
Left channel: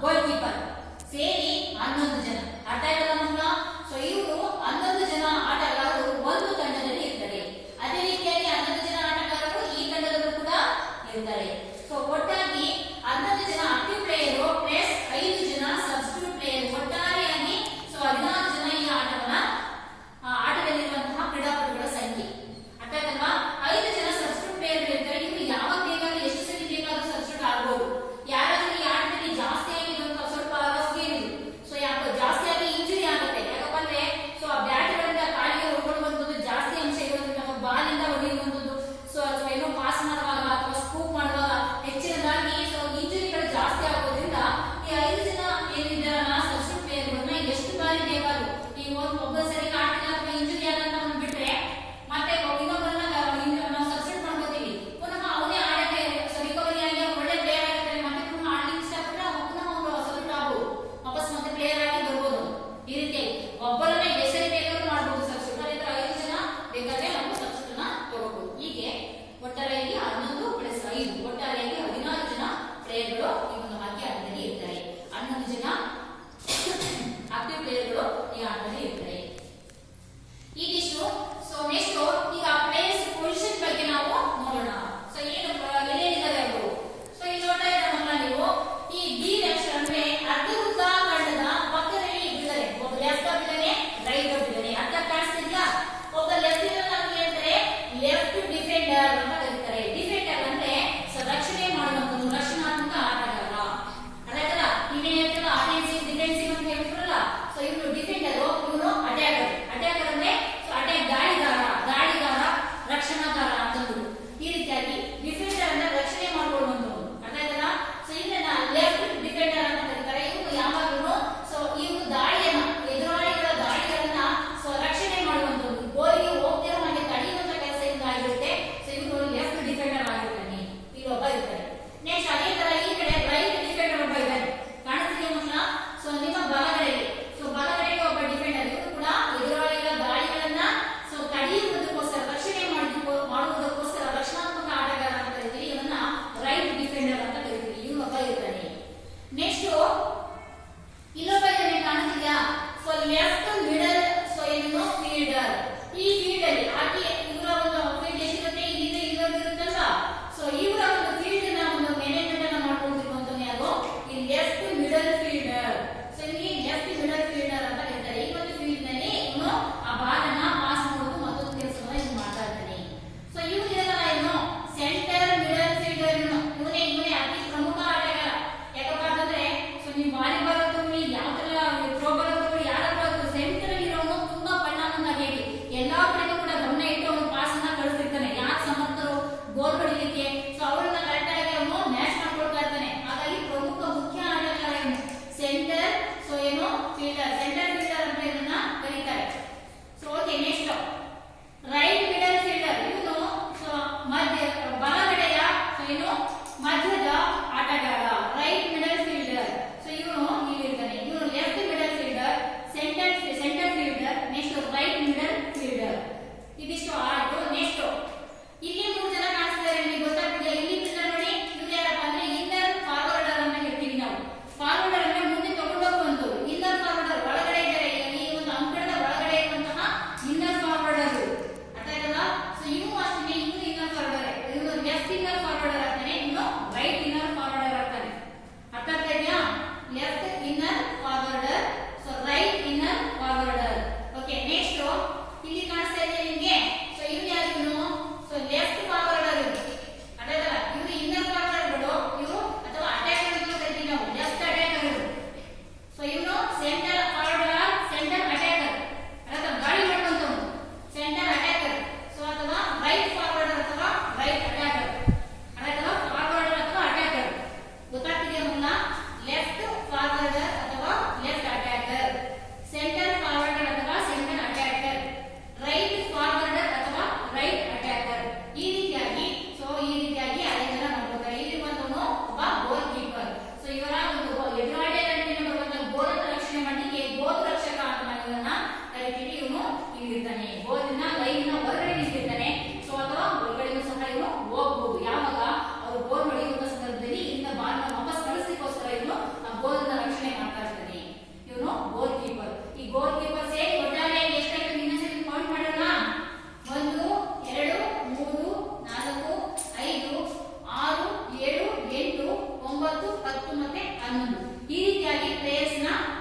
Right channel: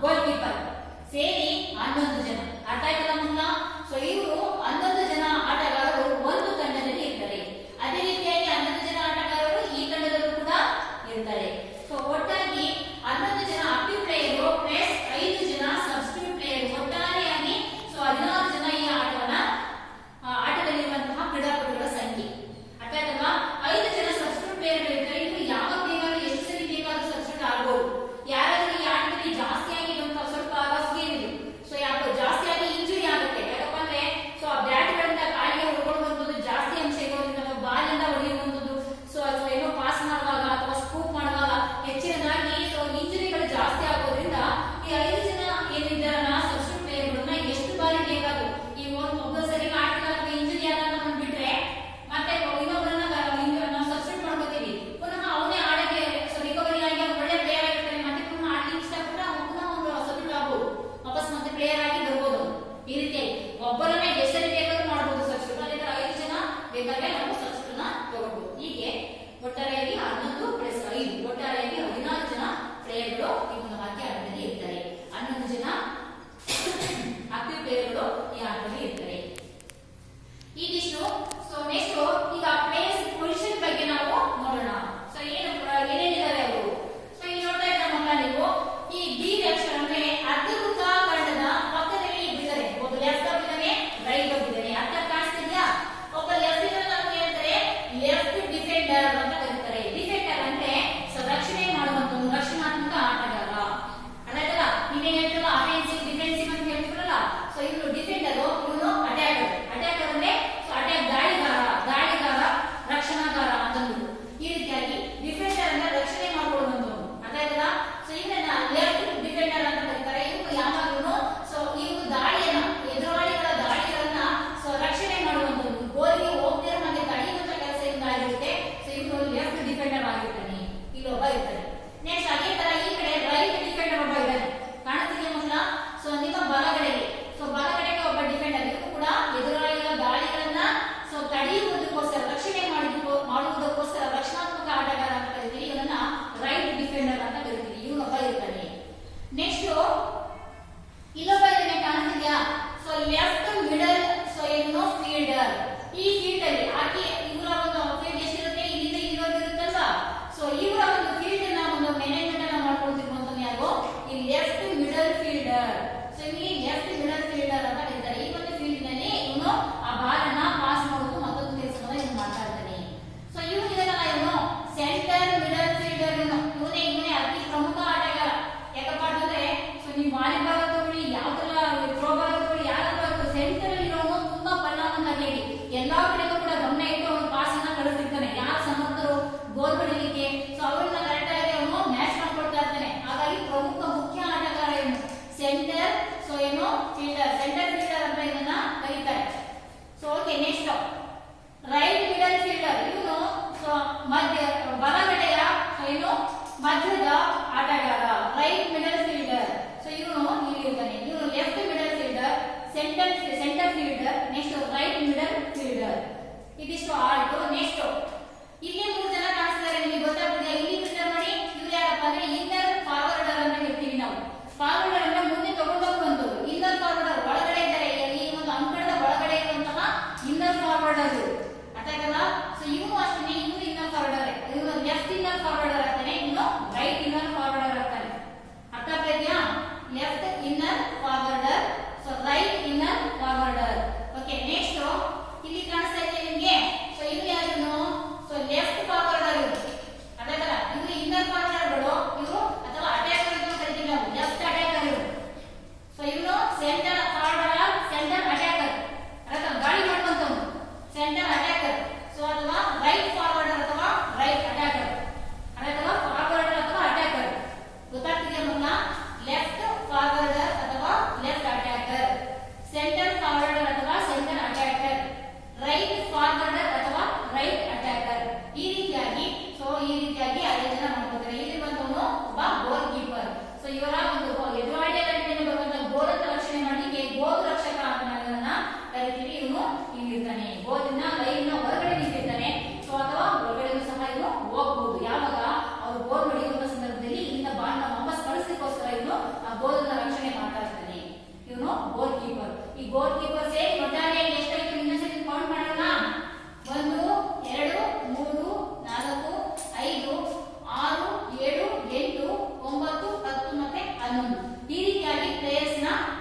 ಗೋಲ್ ಕೀಪರ್ ಸೇರಿ 11 ಜನ. ಅರ್ಥ ಆಯ್ತಲ್ಲ ಮಕ್ಕಳ? ಸೊ ಇವರು 11 ಜನ ಆಟಗಾರರು ಒಂದು ತಂಡದಲ್ಲಿ ಇರ್ತಾರೆ. ಅದೇ ರೀತಿಯಾಗಿ 11 ಜನ ಆಟಗಾರರು ಈ ತಂಡದಲ್ಲೂ ಕೂಡ ಇರ್ತಾರೆ. ಸೊ ಒಟ್ಟಾಗಿ 11 ಜನ ಆಕ್ಟಿವ್ ಪ್ಲೇಯರ್ ಪ್ಲಸ್ 5 ಜನ ಸಬ್ಸ್ಟಿಟ್ಯೂಟ್ ಪ್ಲೇಯರ್, ಒಟ್ಟಾರೆಯಾಗಿ ಸೊ 16 ಜನ ಈ ಆಟದಲ್ಲಿರುವಂತಹ ಕ್ರೀಡಾಪಟುಗಳ ಸಂಖ್ಯೆ. ಅರ್ಥ ಆಯ್ತಲ್ವಾ? 5 ಜನ ಸಬ್ಸ್ಟಿಟ್ಯೂಟ್ ಪ್ಲೇಯರ್ ಇರ್ತಾರೆ. ಇವರು ಯಾವಾಗ ಬೇಕಾದ್ರೂ ಎಷ್ಟು ಸರಿ ಬೇಕಾದ್ರೂ ಸಬ್ಸ್ಟಿಟ್ಯೂಟ್ ಆಗ್ಬೋದು. ಯಾರಾದ್ರೂ ಈ ಆಟದಲ್ಲಿ ಜಾಸ್ತಿ ಆಗಿರುವಂತ ಸ್ವಲ್ಪ ರಫ್ ಗೇಮ್ ಇದು. ಸೊ ಯಾಕೋ ಜಾಸ್ತಿ ಆಗಿ ಇಂಜುರಿ ಆಗುತ್ತೆ. ಯಾಕಪ್ಪ ಅಂದ್ರೆ ಸೊ ಆ ಬ್ಯಾಟ್ಗಳಿಂದ ಕಾಲಿಗೆ ಹೊಡ್ಕೊಳ್ಳುವಂಥದ್ದು ಜಾಸ್ತಿ ಅಂಶ ಇರೋದ್ರಿಂದ ಅಥವಾ ಬಾಲ್ ಇಂದ ಹೊಡೆಯುವಂಥದ್ದು, ಸೊ ಅಥವಾ ಏನೋ ಪಾಸ್ ಮಾಡುವಾಗ ಅಥವಾ ಸ್ಕೂಪ್ ಮಾಡುವಾಗ ಹೆಚ್ಚಿನದಾಗಿ ಸೊ ಇಂಜುರಿಗಳು ಜಾಸ್ತಿ ಆಗೋದ್ರಿಂದ ಈ 5 ಜನ ಏನಿದ್ದಾರಲ್ಲ ಸಬ್ಸ್ಟಿಟ್ಯೂಟ್ ಪ್ಲೇಯರ್ಗಳನ್ನ ಎಷ್ಟು ಬಾರಿ ಬೇಕಾದ್ರೂ ಈ ಒಬ್ಬ ಸರಿ ಆಟದ ಅಥವಾ ಇಂಜುರಿ ಆದಾಗ ಬಿಟ್ರೆ ಮತ್ತೆ ಇನ್ನೊಬ್ಬರನ್ನ ನಾವು ಸಬ್ಸ್ಟಿಟ್ಯೂಟ್ ಮಾಡ್ಕೋತೀವಿ. ಪುನಃ ಅವನೇ ಆಡಕ್ಕೆ ರಿಕವರಿ ಆಗಿ ಒಳ್ಳೆ ಪ್ಲೇಯರ್ ಆಗಿರ್ತಾನೆ. ಮತ್ತೆ ಪುನಃ ಆಡ್ಲಿಕ್ಕೆ ಇಷ್ಟಪಟ್ಟರೆ ಪುನಃ ಒಂದು ಸಬ್ಸ್ಟಿಟ್ಯೂಟ್ ಆಗ್ಬೋದು, ವಾಪಸ್ ಮತ್ತೆ ಪ್ಲೇಯರ್ ಆಗಿ ಬರ್ಬೋದು. ಈ ರೀತಿ ಒಬ್ಬರನ್ನೇ ಎಷ್ಟು ಸರಿ ಬೇಕಾದ್ರೂ ಮಾಡ್ಬೋದು ಸಬ್ಸ್ಟಿಟ್ಯೂಟ್. ಅದೇ 5 ಜನ ಬೇಕಾದ್ರೆ ನಾವು ಸಬ್ಸ್ಟಿಟ್ಯೂಟ್ ನ ತಗೋಬಹುದು. ಹೀಗೆ ಒಟ್ಟಾರೆಯಾಗಿ 11 + 5 ಒಟ್ಟಾರೆಯಾಗಿ 16 ಜನ ಪ್ಲೇಯರ್ಗಳು ಈ ಒಂದು ಹಾಕಿ ಆಟದಲ್ಲಿ ಇರ್ತಾರೆ. 11 ಜನ ಆಕ್ಟಿವ್ ಪ್ಲೇಯರ್ಗಳು ಈ ಆಟದಲ್ಲಿ ಇರ್ತಾರೆ. ಈಗಿಷ್ಟು. ಸೊ ನೆಕ್ಸ್ಟ್ ಈಗ ಪ್ಲೇಯರ್ಸ್ ಪೊಸಿಷನ್ ಬಗ್ಗೆ ನಾವು ನೋಡೋಣ. ಸೊ ಏನೇನಿದಾವೆ ಅವು. ಸೊ ಇಲ್ಲಿ ನೋಡ್ತಾ ಇದ್ದಾರೆ ಮಕ್ಕಳ ನೀವು, ಈ ಡಿ ಅಕ್ಷರ ಅಂದ್ರೆ ಅರ್ಧ ವೃತ್ತಾಕಾರದ ಪಕ್ಕದಲ್ಲಿ ಇದ್ದಾರೆ. ಒಬ್ಬ ಲೆಫ್ಟ್ ಆಫ್ ಇದ್ದಾನೆ, ರೈಟ್ ಆಫ್ ಇದ್ದಾನೆ. ಅರ್ಥ ಕಾಣಿಸ್ತಿದ್ಯಾ? ಒಬ್ಬ ಲೆಫ್ಟ್ ಇರೋ ನಮ್ಗೆ ಹೇಳ್ತಾರೆ ಲೆಫ್ಟ್ ಡಿಫೆಂಡರ್ ಅಂತ ಕರೀತಾರೆ. ಡಿಫೆಂಡರ್ ಅಂದ್ರೆ ಸೊ ರಕ್ಷಣೆ ಮಾಡುವಂತ ರಕ್ಷಣಾತ್ಮಕ ಆಟಗಾರ. ಅದಾಯ್ತಲ್ಲ? ನೀವೇನ್ ಹೇಳ್ತಾರಲ್ಲ ಅಫೆನ್ಸಿವ್ ಡಿಫೆನ್ಸಿವ್ ಅಂತ ಹೇಳ್ತಿರಲ್ಲ, ಸೊ ಇವನು ಡಿಫೆಂಡರ್, ಇವನು ಅಟ್ಯಾಕರ್. ಅಟ್ಯಾಕರ್ ಅಂದ್ರೆ ಸೊ ಅಟ್ಯಾಕ್ ದಾಳಿಗಾರ ರಕ್ಷಣಾಕಾರ ಅಂತಂದ್ರು. ಈ ರೀತಿಯಾಗಿ ಡಿಫೆಂಡರ್ ಅಂದ್ರೆ ರಕ್ಷಣೆ ಮಾಡ್ಕೊಳ್ಳುವಂಥದ್ದು. ಅದಾಯ್ತಲ್ಲ? ಸೊ ಇವನ್ನ ಲೆಫ್ಟ್ ಡಿಫೆಂಡರ್ ಅಂತ ಕರೀತಾರೆ. ಇವನು ಯಾವಾಗಲೂ ಸೊ ಇವನು ಎದುರಾಳಿಗಳ ದಾಳಿಗಳನ್ನ ಸೊ ರಕ್ಷಣೆ ಮಾಡುವಂಥದ್ದು, ಗೋಲಿಗೆ ಹೋಗ್ತಿರೋ ಹಾಗೆ ತಡೆಯುವಂತ ಕೆಲಸ ಇಂದ ಆಗಿರುತ್ತೆ. ಸೊ ಇವನು ಲೆಫ್ಟ್ ಡಿಫೆಂಡರ್ ಆಗಿರ್ತಾನೆ. ಇಲ್ಲೊಬ್ಬ ಇರ್ತಾನೆ. ನೆಕ್ಸ್ಟ್ ಅದೇ ತರ ಈ ಕಡೆ ರೈಟ್ ಡಿಫೆಂಡರ್ ಒಬ್ಬ ಇದ್ದಾನೆ. ಕಾಣಿಸ್ತಿದೆಯಾ ಮಕ್ಕಳ? ಸೊ ನಿಮ್ಮ ಬಲಗಡೆಗೆ ಬಲಗಡೆಗೆ ಒಬ್ಬ ಡಿಫೆಂಡರ್. ಇವರು ಕೂಡ ಎದುರಾಳಿಗಳ ದಾಳಿಗಳನ್ನ ಸೊ ತಡೆಯುವುದಕ್ಕೋಸ್ಕರ ರಕ್ಷಣೆ ಮಾಡುವುದಕ್ಕೋಸ್ಕರ ರಕ್ಷಣಾತ್ಮಕ ಆಟಗಾರ ಅಂತ ಕರಿತೀವಿ. ಇವನ್ನ ರೈಟ್ ಡಿಫೆಂಡರ್ ಅಂತ ಕರಿತೀವಿ. ಇವನೊಬ್ಬ ಇರ್ತಾನೆ. ನೆಕ್ಸ್ಟ್ ಇಲ್ಲೊಬ್ಬ ಇದ್ದಾನೆ. ಕಾಣಿಸ್ತಿದ್ಯಾ? ಸೊ ಲೆಫ್ಟ್ ಮಿಡಲ್ ಸೊ ಏನು ಫೀಲ್ಡರ್. ಈ ಫೀಲ್ಡ್ ಅಲ್ಲಿ ಆಕೆ ಇವರ ಒಂದು ಫೀಲ್ಡ್ ಎಷ್ಟಿರುತ್ತೆ, ಇಲ್ಲಿಂದ ಇಲ್ಲಿವರೆಗೂ ಇರುತ್ತಲ್ವಾ? ಸೊ ಇವರ ಒಂದು ಫೀಲ್ಡ್ ನ ಒಂದು ಮ್ಯಾನೇಜ್ಮೆಂಟ್ ಅನ್ನ ಮಾಡ್ಕೊಳ್ತಿರುವಂತ ಯಾರು? ಈ ಲೆಫ್ಟ್ ಮಿಡಲ್ ಫೀಲ್ಡರ್. ಸೊ ಇಲ್ಲಿ ಲೆಫ್ಟ್ ಮಿಡಲ್ ಫೀಲ್ಡರ್ ಅಂತ ಕರೀತಾರೆ. ಈ ಒಂದು ಫೀಲ್ಡ್ ನಲ್ಲಿ ಇವನು ಆ ಬಾಲನ್ನ ಪಾಸ್ ಮಾಡೋದು ಮತ್ತೊಂದು ಕೆಲಸವನ್ನ ಇವನು ಮಾಡ್ತಾ ಇದ್ದಾನೆ. ಸೊ ಇವನು ಇದಲ್ಲ, ಇವನು ಸೆಂಟರ್ ಮಿಡಲ್ ಫೀಲ್ಡರ್. ಇವನೇ ಅತಿ ಪ್ರಮುಖ ಆಟಗಾರ. ಯಾಕಪ್ಪ ಅಂತಂದ್ರೆ ಸೊ ನೀವು ವಾಲಿಬಾಲ್ ತಗೊಳ್ಳಿ, ಯಾವ್ದೆಲ್ಲ ಥ್ರೋಬಾಲ್ ತಗೊಳ್ಳಿ, ಯಾರಪ್ಪ ಸೆಂಟರ್ ಇರೋನು ತುಂಬಾ ಪರಿಣಾಮಕಾರಿ. ಎಲ್ಲಾ ಕಡೆಗೂ ಕೂಡ ಗಮನ ಇಟ್ಟು ಅವನು ಪಾಸ್ ಅನ್ನ ಕಳಿಸ್ತಿರ್ತಾನೆ. ಯಾರು ಸಮರ್ಥರು ಗೋಲ್ ಹೊಡಿಲಿಕ್ಕೆ ಸೊ ಅವರನ್ನ ಕರೆಕ್ಟ್ ಆಗಿ ಅವನು ಮ್ಯಾಚ್ ಮಾಡ್ಕೊಳ್ತಾ ಇರ್ತಾನೆ. ಹಾಗಾಗಿ ಪ್ರಮುಖ ಮುಖ್ಯ ಆಟಗಾರ ಇವನು ಸೆಂಟರ್ ಸೊ ಏನು ಫೀಲ್ಡರ್, ಸೆಂಟರ್ ಫೀಲ್ಡರ್ ಅಂತ ಇದನ್ನ ಕರೀತಾರೆ. So okay. Next right middle fielder. ಇವನು ಸೊ ಬಲಗಡೆಯ ಏನು ಮಧ್ಯದ ಆಟಗಾರ, ರೈಟ್ ಮಿಡಲ್ ಫೀಲ್ಡರ್. ಸೊ ಇವನು ಇಲ್ಲಿರ್ತಾನೆ. ಇವನು left middle fielder, centre fielder, next right middle fielder. ಇದಿಷ್ಟು ಆಯ್ತು. ನೆಕ್ಸ್ಟ್ ಇಲ್ಲಿ 3 ಜನ ಕಾಣಿಸ್ತಿದ್ದಾರೆ. ನಿಮಗೆ ಗೊತ್ತಾಗ್ತಿದೆ? ಇಲ್ಲಿ ಬಿಟ್ಟರೆ ನೋಡಿ, ಇವ್ರು ಯಾರಪ್ಪ ಅಂದ್ರೆ ಇನ್ನರ್ ಫಾರ್ವರ್ಡರ್ ಅಂತ ಹೇಳ್ತೀವಿ ನಾವು. ಫಾರ್ವರ್ಡರ್ ಅಂದ್ರೆ ಮುಂದೆ ತಗೊಂಡೋಗುವಂತದ್ದು. ಇನ್ನರ್ ಫಾರ್ವರ್ಡರ್ ಒಳಗಡೆ ಇದ್ದಾರೆ. ಈ ಒಂದು ಅಂಕಣದ ಒಳಗಡೆ ಇರುವಂತಹ ಇನ್ನರ್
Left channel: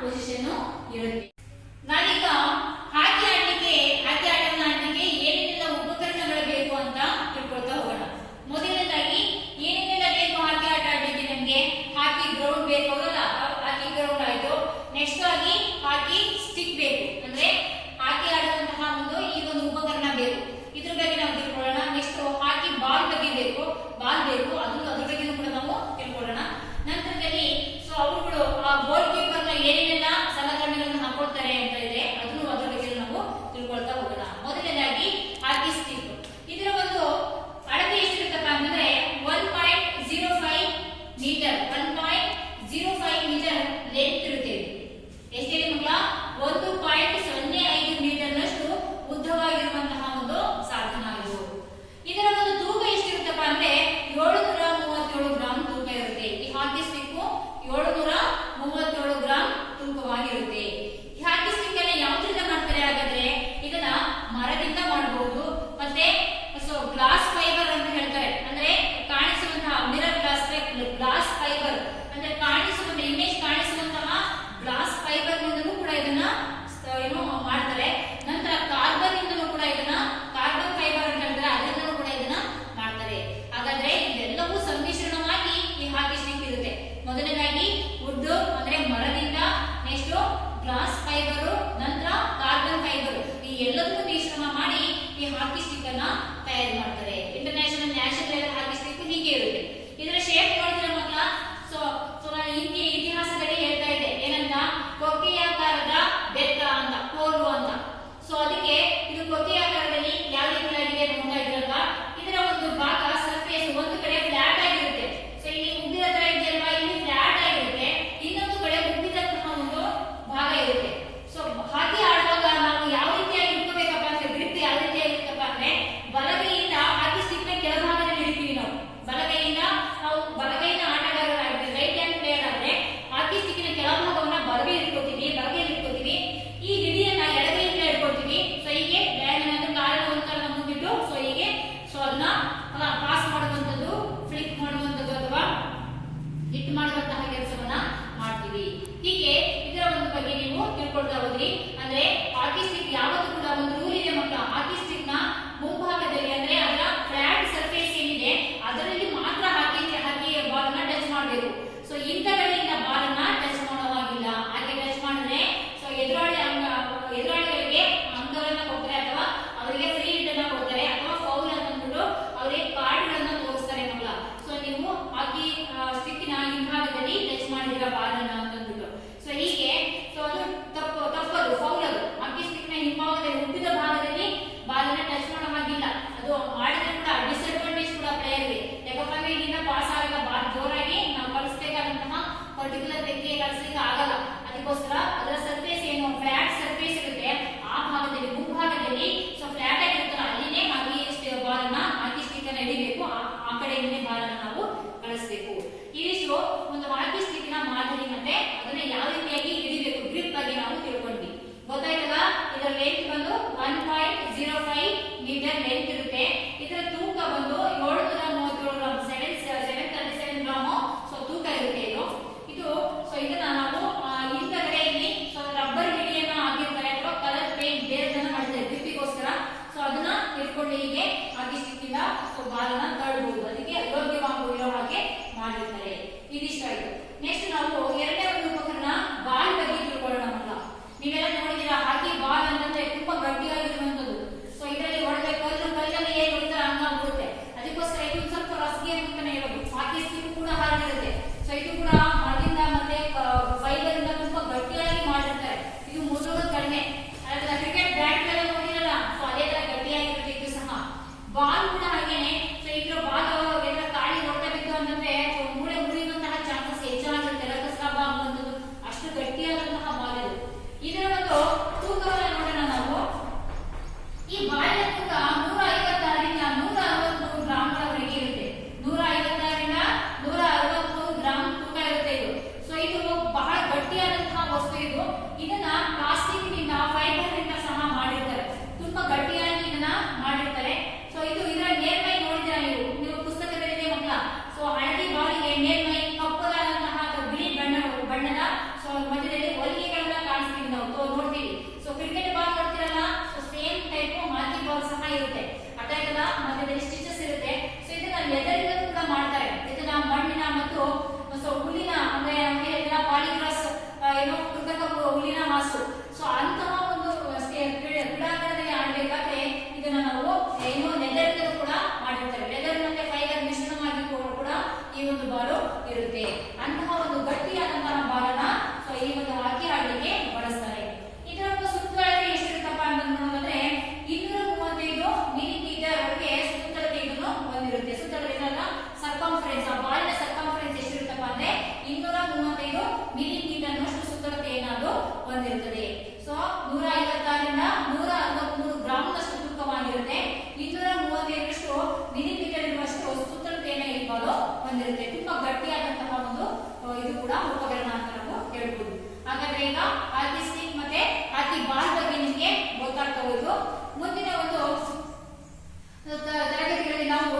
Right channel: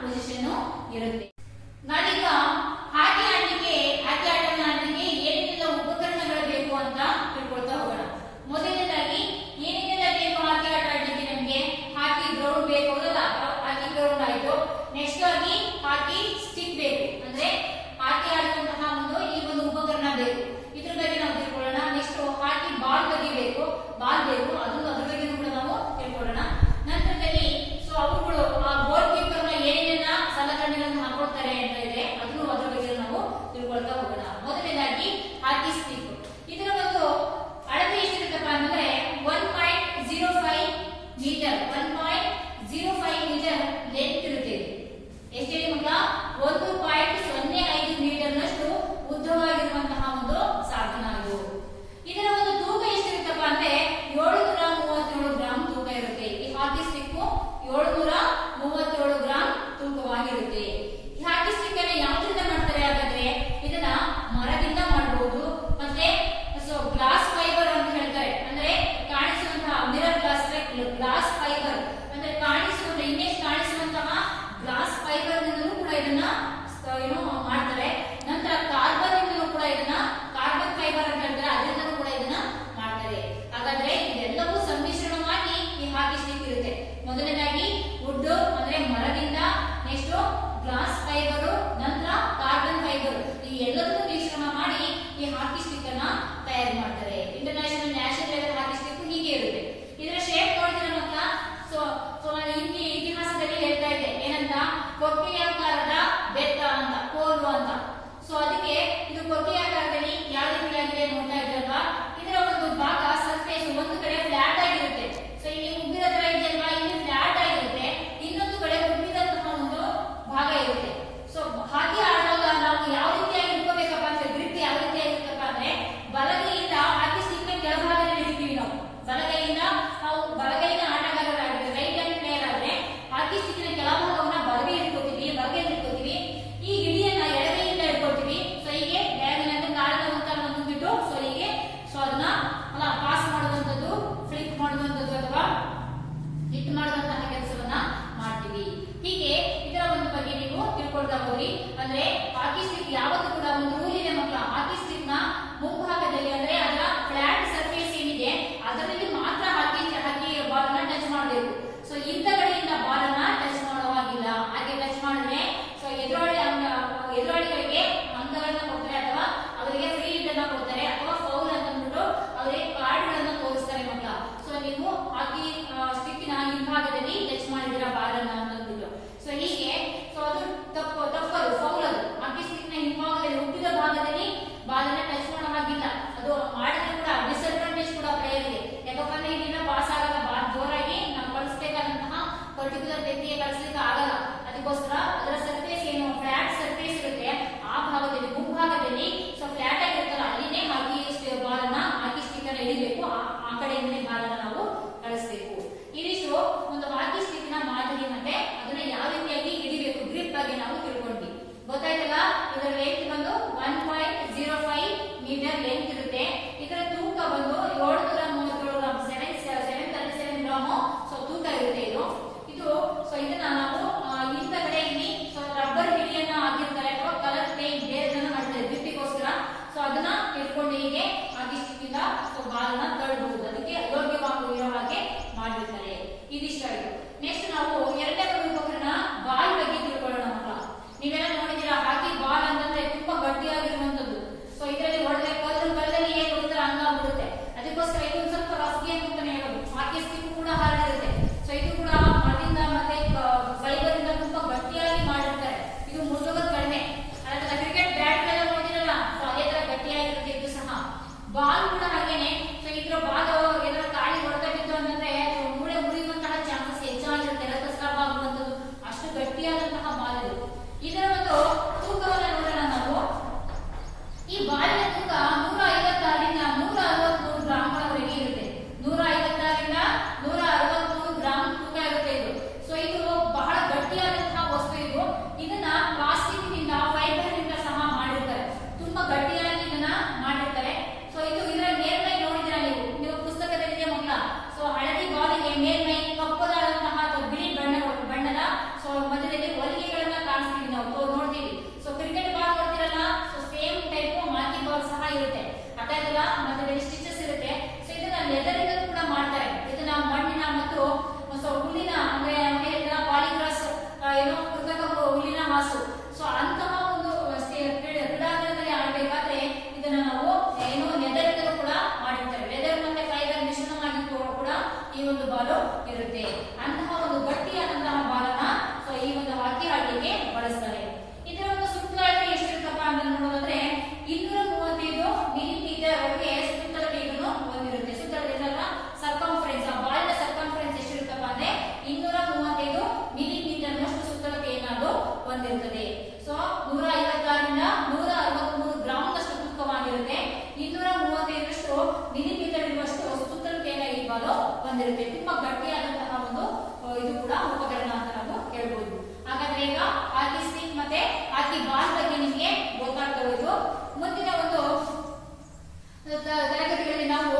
ಪೊಸಿಷನ್ ಇರುತ್ತೆ. ನಾವೀಗ ಹಾಕಿ ಆಟವನ್ನು ಆಡಲಿಕ್ಕೆ ಏನೇನೆಲ್ಲ ಉಪಕರಣಗಳು ಬೇಕು ಅಂತ ತಿಳ್ಕೊಳ್ತಾ ಹೋಗೋಣ. ಮೊದಲನೇದಾಗಿ ಏನೇನೆಲ್ಲ ಬೇಕು ಹಾಕಿ ಆಟ ಆಡಲಿಕ್ಕೆ? ನಮಗೆ ಹಾಕಿ ಗ್ರೌಂಡ್ ಬೇಕು, ಹೌದಲ್ಲ? ಹಾಕಿ ಗ್ರೌಂಡ್ ಆಯ್ತು. ನೆಕ್ಸ್ಟ್ ಆಗಿ ಹಾಕಿ ಸ್ಟಿಕ್ ಬೇಕು, ಅಂದ್ರೆ ಹಾಕಿ ಆಡುವಂತಹ ಈ ಒಂದು ಉಪಕರಣ ಬೇಕು. ಇದ್ರ ಬಗ್ಗೆ ನಾವು ತಿಳ್ಕೊಳ್ಳೋಣ. ನೆಕ್ಸ್ಟ್ ಹಾಕಿ ಬಾಲ್ ಬಗ್ಗೆ ಬೇಕು, ಅದನ್ನು ಅದ್ರ ಬಗ್ಗೆ ಕೂಡ ನಾವು ತಿಳ್ಕೊಳ್ಳೋಣ. ನಂತರದಲ್ಲಿ ಅವರುಗಳು ಆ ಗೋಲ್ ಕೀಪರ್ ನ ಏನೇನೆಲ್ಲ ಸಲಕರಣೆಗಳನ್ನು ಹಾಕೊಳ್ತಾರೆ ಅಂತ ಇದೆ, ಅದನ್ನು ಅದ್ರ ಬಗ್ಗೆ ನಾವು ತಿಳ್ಕೊಳ್ತಾ ಹೋಗೋಣ. ಮೊದಲನೇದಾಗಿ ಹಾಕಿ ಸ್ಟಿಕ್. ಇದರ ಒಂದು ಅಳತೆ ಎಷ್ಟಿರುತ್ತಪ್ಪ ಅಂತಂದ್ರೆ 1.05 ಮೀಟರ್, 1.05 ಮೀಟರ್ ಲೆಂತ್ ಇರುತ್ತೆ. ಎಷ್ಟಿದೆ ಮಕ್ಕಳ? 1.05 ಮೀಟರ್ ನಷ್ಟು ಉದ್ದವಾಗಿರುವಂತಹ ಒಂದು ಸಾಧನ ಇದು. ಇದರ ಒಂದು ತೂಕ ಎಷ್ಟಿರುತ್ತಪ್ಪ ಅಂದ್ರೆ 737 ಗ್ರಾಂ ತೂಕ ಇರುತ್ತೆ. ಈ ಹಾಕಿ ಸ್ಟಿಕ್ 737 ಗ್ರಾಂ ತೂಕವಾಗಿರುತ್ತೆ. ಈ ಹಾಕಿ ಸ್ಟಿಕ್ ಅನ್ನ ಯಾವ್ದ್ರಿಂದ ಮಾಡ್ತಾರೆ ಹಾಗಾದ್ರೆ? ಇದನ್ನ ಮರದಿಂದ ಮಾಡಬಹುದು, ಮತ್ತೆ ಗ್ಲಾಸ್ ಫೈಬರ್ ಅಂತ ಹೇಳ್ತಾರೆ, ಅಂದ್ರೆ ಕಾಣಿಸುವಂತಹ ಮಿರರ್ ಗ್ಲಾಸ್ ಫೈಬರ್ ಅಂದ್ರೆ ಕಾಣಿಸುವಂತ ಇಮೇಜ್ ಕಾಣಿಸುವಂತಹ ಗ್ಲಾಸ್ ಫೈಬರ್ ನಿಂದಲೂ ಕೂಡ ಇದನ್ನ ಮಾಡ್ತಾರೆ. ನಂತರ ಕಾರ್ಬನ್ ಇಂದಲೂ ಕೂಡ ಇದನ್ನ ಕಾರ್ಬನ್ ಫೈಬರ್ ಅಂತ ಹೇಳ್ತಾರೆ, ಅದರಿಂದಲೂ ಕೂಡ ಇದನ್ನ ಮಾಡ್ತಾರೆ. ಹಾಗಾದ್ರೆ ಇದೆಲ್ಲವೂ ಸಮ್ಮಿಶ್ರಣವಾಗಿ ಈ ಹಾಕಿ ಸ್ಟಿಕ್ ಇರುತ್ತೆ. ಮೊದಲನೇದಾಗಿ ವುಡ್ ಅಂದ್ರೆ ಮರದಿಂದ, ನೆಕ್ಸ್ಟ್ ಗ್ಲಾಸ್ ಫೈಬರ್, ನಂತರ ಕಾರ್ಬನ್ ಫೈಬರ್, ಈ ಎಲ್ಲದೂ ಮಿಶ್ರಣ ಮಾಡಿ ಈ ಹಾಕಿ ಸ್ಟಿಕ್ ಅನ್ನ ತಯಾರು ಮಾಡ್ತಾರೆ. ಇಂಟರ್ನ್ಯಾಷನಲ್ ನ್ಯಾಷನಲ್ ಲೆವೆಲ್ ಹಾಕಿ ಸ್ಟಿಕ್ ಹೀಗೆ ಇರುತ್ತೆ. ಇದರ ಶೇಪ್ ನೋಡ್ತೀರಾ ಮಕ್ಕಳ? ಸೊ ಇತಿಹಾಸದಲ್ಲಿ ಹೇಳ್ತಾ ಇದ್ದೆ ಏನಂತ? ಕೊಕ್ಕೆಯಾಕಾರದ ಬೆತ್ತ ಅಂತ, ಕೋಲು ಅಂತ. ಸೊ ಅದಕ್ಕೆ ಇದು ಕೊಕ್ಕೆಯಾಕಾರದಲ್ಲಿ ಯಾವ ರೀತಿಯಾಗಿದೆ ನೋಡ್ತಾ ಇದ್ರಲ್ವಾ? ಇದರ ಒಂದು ಭಾಗ ಸರ್ಫೇಸ್ ಒಂದು ಕಡೆ ಫ್ಲಾಟ್ ಆಗಿರುತ್ತೆ. ಸೊ ಇಲ್ಲಿ ಉಬ್ಬಿದ ತರ ಇದೆಯಲ್ವಾ, ಇಲ್ಲಿ ಫ್ಲಾಟ್ ಆಗಿರುತ್ತೆ, ಇನ್ನೊಂದು ಕಡೆ ಉಬ್ಬಿದಂತಹ ಒಂದು ಭಾಗ ಇರುತ್ತೆ. ಸೊ ಹಾಕಿ ಆಡುವಾಗ ನಾವು ಯಾವ ರೀತಿಯಾಗಿ ಇಟ್ಕೋಬೇಕಪ್ಪ ಅಂದ್ರೆ, ಗ್ರಿಪ್ ಯಾವ ರೀತಿಯಾಗಿರುತ್ತಪ್ಪ ಅಂದ್ರೆ, ಬಲಗೈಯಿಂದ ಹಾಕಿ ಸ್ಟಿಕ್ ನ ಕೆಳಭಾಗದಲ್ಲಿ ಹಿಡಿತೀವಿ ನಾವು. ಬಲಗೈನ ಆಟಗಾರರಾಗಿದ್ರೆ, ರೈಟ್ ಹ್ಯಾಂಡ್ ಪ್ಲೇಯರ್ ಆದ್ರೆ ಹಾಕಿ ಸ್ಟಿಕ್ ನ ಕೆಳಭಾಗವನ್ನ ಬಲಗೈಯಲ್ಲಿ ಇಟ್ಕೋತೀವಿ. ಈ ಹಿಡಿಯನ್ನ ಎಡಗೈಯಿಂದ ಇಟ್ಕೊಳ್ತೀವಿ. ಸೊ ಹೀಗೆ ಕಾರಣವಂತರನ್ನ ಮುಂದಿಟ್ಟು ಅದನ್ನ ಪಾಸ್ ಮಾಡುವಂತದ್ದು, ಫ್ಲಿಕ್ ಮಾಡುವಂತದ್ದು ಅಥವಾ ಹಿಟ್ ಮಾಡುವಂತಹ ಕೆಲಸವನ್ನ ಮಾಡ್ತೀವಿ. ಹೀಗೆ ಇದರ ಒಂದು ಬಗ್ಗೆ ನೀವು ತಿಳ್ಕೊಳ್ತಾ ಹೋದ್ರಿ. ಅಂದ್ರೆ ಹಾಕಿ ಸ್ಟಿಕ್ ಯಾವತ್ತೂ ಕೂಡ ಒಂದು ರೂಲ್ ಇದೆ ಮಕ್ಕಳ. ಹಾಕಿ ಸ್ಟಿಕ್ ನ ಮುಂಭಾಗದಲ್ಲಿ ಅಂದ್ರೆ ಅದರ ಫ್ಲಾಟ್ ಸರ್ಫೇಸ್ ಏನಿದೆ ಅದರಲ್ಲಿ ಮಾತ್ರ ಹಾಕಿ ಬಾಲ್ ಅನ್ನ ಟಚ್ ಮಾಡಬೇಕು. ಸೊ ಹಿಂದಗಡೆಯಿಂದ ಬಾಲ್ ಅನ್ನ ಟಚ್ ಮಾಡೋ ಹಾಗಿಲ್ಲ. ಹಾಗೆ ಟಚ್ ಮಾಡಿದ್ರೆ ಸೊ ಎದುರಾಳಿಗಳಿಗೆ ಅಂಕಗಳನ್ನ ಕೊಡ್ತಾರೆ, ಅಥವಾ ಅವರಿಗೆ ಫ್ರೀ ಹಿಟ್ ಅನ್ನ ಕೊಡ್ತಾರೆ, ಅಥವಾ ಫೌಲ್ ಅಂತ ಅಂದ್ಬಿಟ್ಟು ಅವರಿಗೆ ಕಾರ್ಡ್ ಗಳನ್ನ ತೋರಿಸ್ತಾರೆ ಮಕ್ಕಳ. ಸೊ ನೀವು ಹಾಕಿ ಸ್ಟಿಕ್ ನ ಹಿಂಭಾಗದಲ್ಲಿ ಟಚ್ ಮಾಡಿದಿರ ಬಾಲ್ ಅನ್ನ ಅಂತ ಅಂದ್ಬಿಟ್ಟು, ಸೊ ಹೀಗೆ ಅದು ತಪ್ಪದು, ಫೌಲ್ ಅದು. ಹಾಕಿ ಸ್ಟಿಕ್ ನ ಹಿಂಭಾಗದಲ್ಲಿ ಹುಟ್ಟಿದ ಭಾಗದಲ್ಲಿ ಬಾಲ್ ಅನ್ನ ಟಚ್ ಮಾಡೋ ಹಾಗಿಲ್ಲ. ಅದು ಮಾಡಿದ್ರೆ ಕೂಡ ಡಿಸ್ಅಡ್ವಾಂಟೇಜ್ ಕೂಡ ಪ್ಲೇಯರ್ಗೆ. ಯಾಕಪ್ಪ ಅಂದ್ರೆ ಇದನ್ನ ಪಾಸ್ ಆಗಲ್ಲ, ಬಾಲ್ ಜೋರಾಗಿ ನಾವು ಕಳಿಸಬೇಕಾದಂತಹ ಪರ್ಟಿಕ್ಯುಲರ್ ವ್ಯಕ್ತಿಗೆ ಕಳಿಸ್ಲಿಕ್ಕೆ ಆಗಲ್ಲ. ಅದಕ್ಕೋಸ್ಕರ ಅದರ ಸರ್ಫೇಸ್ ಏನು ಫ್ಲಾಟ್ ಸರ್ಫೇಸ್ ಇರುತ್ತೆ, ಆ ಭಾಗದಲ್ಲಿ ಮುಂಭಾಗದಲ್ಲಿ ಸೊ ಫ್ಲಾಟ್ ಆಗಿರುತ್ತಲ್ಲ, ಅಲ್ಲಿನೇ ಹಾಕಿ ಬಾಲ್ ಅನ್ನ ಹಾಕಿ ಸ್ಟಿಕ್ ಅನ್ನ ಹಿಡಿಬೇಕು. ಆ ಕಡೆಯಿಂದಲೇ ಬಾಲ್ ಅನ್ನ ನಾವು ಕಳಿಸಬೇಕು. ಇದಿಷ್ಟು ಒಂದು ಹಾಕಿ ಸ್ಟಿಕ್ ನ ಮಾದರಿ, ಮತ್ತೆ ಅದನ್ನ ಯಾವ ರೀತಿಯಾಗಿ ಹಿಡಿಬೇಕು ಗ್ರಿಪ್ ಬಗ್ಗೆ ನಾವು ತಿಳ್ಕೊಂಡ್ವಿ. ಗೊತ್ತಾಯ್ತಲ್ಲ? ಇದರ ಲೆಂತ್ ಬಂದು 1.05 ಮೀಟರ್ ಲೆಂತ್ ಇರುತ್ತೆ. ಇದರ ತೂಕ ಬಂದು 737 ಗ್ರಾಂ, 737 ಗ್ರಾಮ್ ಸೊ ತೂಕ ಇರುತ್ತೆ ಇದು. ಸೊ ಇದನ್ನ ನಾವು ಹಿಂದಗಡೆ ಇಲ್ಲಿ ಮತ್ತೆ ಇಲ್ಲಿ ಸ್ಟಿಚಸ್ ಇರುತ್ತೆ. ಸೊ ಇದನ್ನ ಲೆದರಿಂದ ಕೂಡ ಮಾಡ್ತಾರೆ. ಇದನ್ನ ಮಣ್ಣಿನ ಮತ್ತು ಹುಲ್ಲಿನ ಅಂದ್ರೆ ಪಾಲಿಗ್ರಾಸ್ ಏನೋ ಕೃತಕ ಹುಲ್ಲಿನ ಮಾಸು. ಸೊ ಅಂತಹ ಒಂದು ಕ್ರೀಡಾಂಗಣದಲ್ಲಿ ಆಡಬೇಕಾದ್ರೆ ಇದನ್ನ ನಾವು ಏನೋ ಲೆದರಿಂದ ಕೂಡ ಮಾಡಿರ್ತಾರೆ. ಲೆದರ್ ಮತ್ತೆ ಫೈಬರ್ ಮಿಶ್ರಣವಾಗಿ ಕೂಡ ಈ ಒಂದು ಬಾಲು ಇರುತ್ತೆ. ಅಂತಹ ಒಂದು ಗಟ್ಟಿಯಾದಂತಹ ಬಾಲನ ಸೊ ಈ ಒಂದು ಹಾಕಿ ಆಡಲಿಕ್ಕೆ ಬಳಸ್ತಾರೆ. ಇದರ ಒಂದು ಸುತ್ತಳತೆ ಎಷ್ಟಿರುತ್ತಪ್ಪ ಅಂತ ನೋಡೋದಾದ್ರೆ 235 ಮಿಲಿಮೀಟರ್ ವರೆಗೆ ಸುತ್ತಳತೆ ಇದನ್ನು ಹೊಂದಿರುತ್ತೆ. ಸುತ್ತಳತೆ ಸರ್ಕಂಫರೆನ್ಸ್, ಬಾಲಿನ ಸರ್ಕಂಫರೆನ್ಸ್ ಎಷ್ಟಿರುತ್ತಪ್ಪ ಅಂದ್ರೆ 235 ಮಿಲಿಮೀಟರ್ ನಷ್ಟು ಸುತ್ತಳತೆಯನ್ನು ಅದು ಹೊಂದಿರುತ್ತದೆ. ಸೊ 156ರಿಂದ 163 ಗ್ರಾಂನಷ್ಟು ತೂಕವಾಗಿರುತ್ತೆ. 235 ಮಿಲಿಮೀಟರ್ ಇರುವಷ್ಟು ಸುತ್ತಳತೆಯನ್ನು ಈ ಬಾಲು ಹೊಂದಿರುತ್ತೆ. ತುಂಬಾ ಗಟ್ಟಿಯಾದಂತಹ ಒಂದು ಇದು ಕೂಡ ಉಪಕರಣ ಅಂತ ನಾವು ಹೇಳ್ಬೋದು. ಹಾಗಾದ್ರೆ ಈಗ ಹಾಕಿ ಸ್ಟಿಕ್ ಮತ್ತೆ ಹಾಕಿ ಬಾಲ್ ಬಗ್ಗೆ ನಿಮಗೆ ಗೊತ್ತಾಗ್ತಾ ಹೋಯ್ತು. ಮುಂದಿನ ಒಂದು ತರಗತಿಗಳಲ್ಲಿ ನಾವು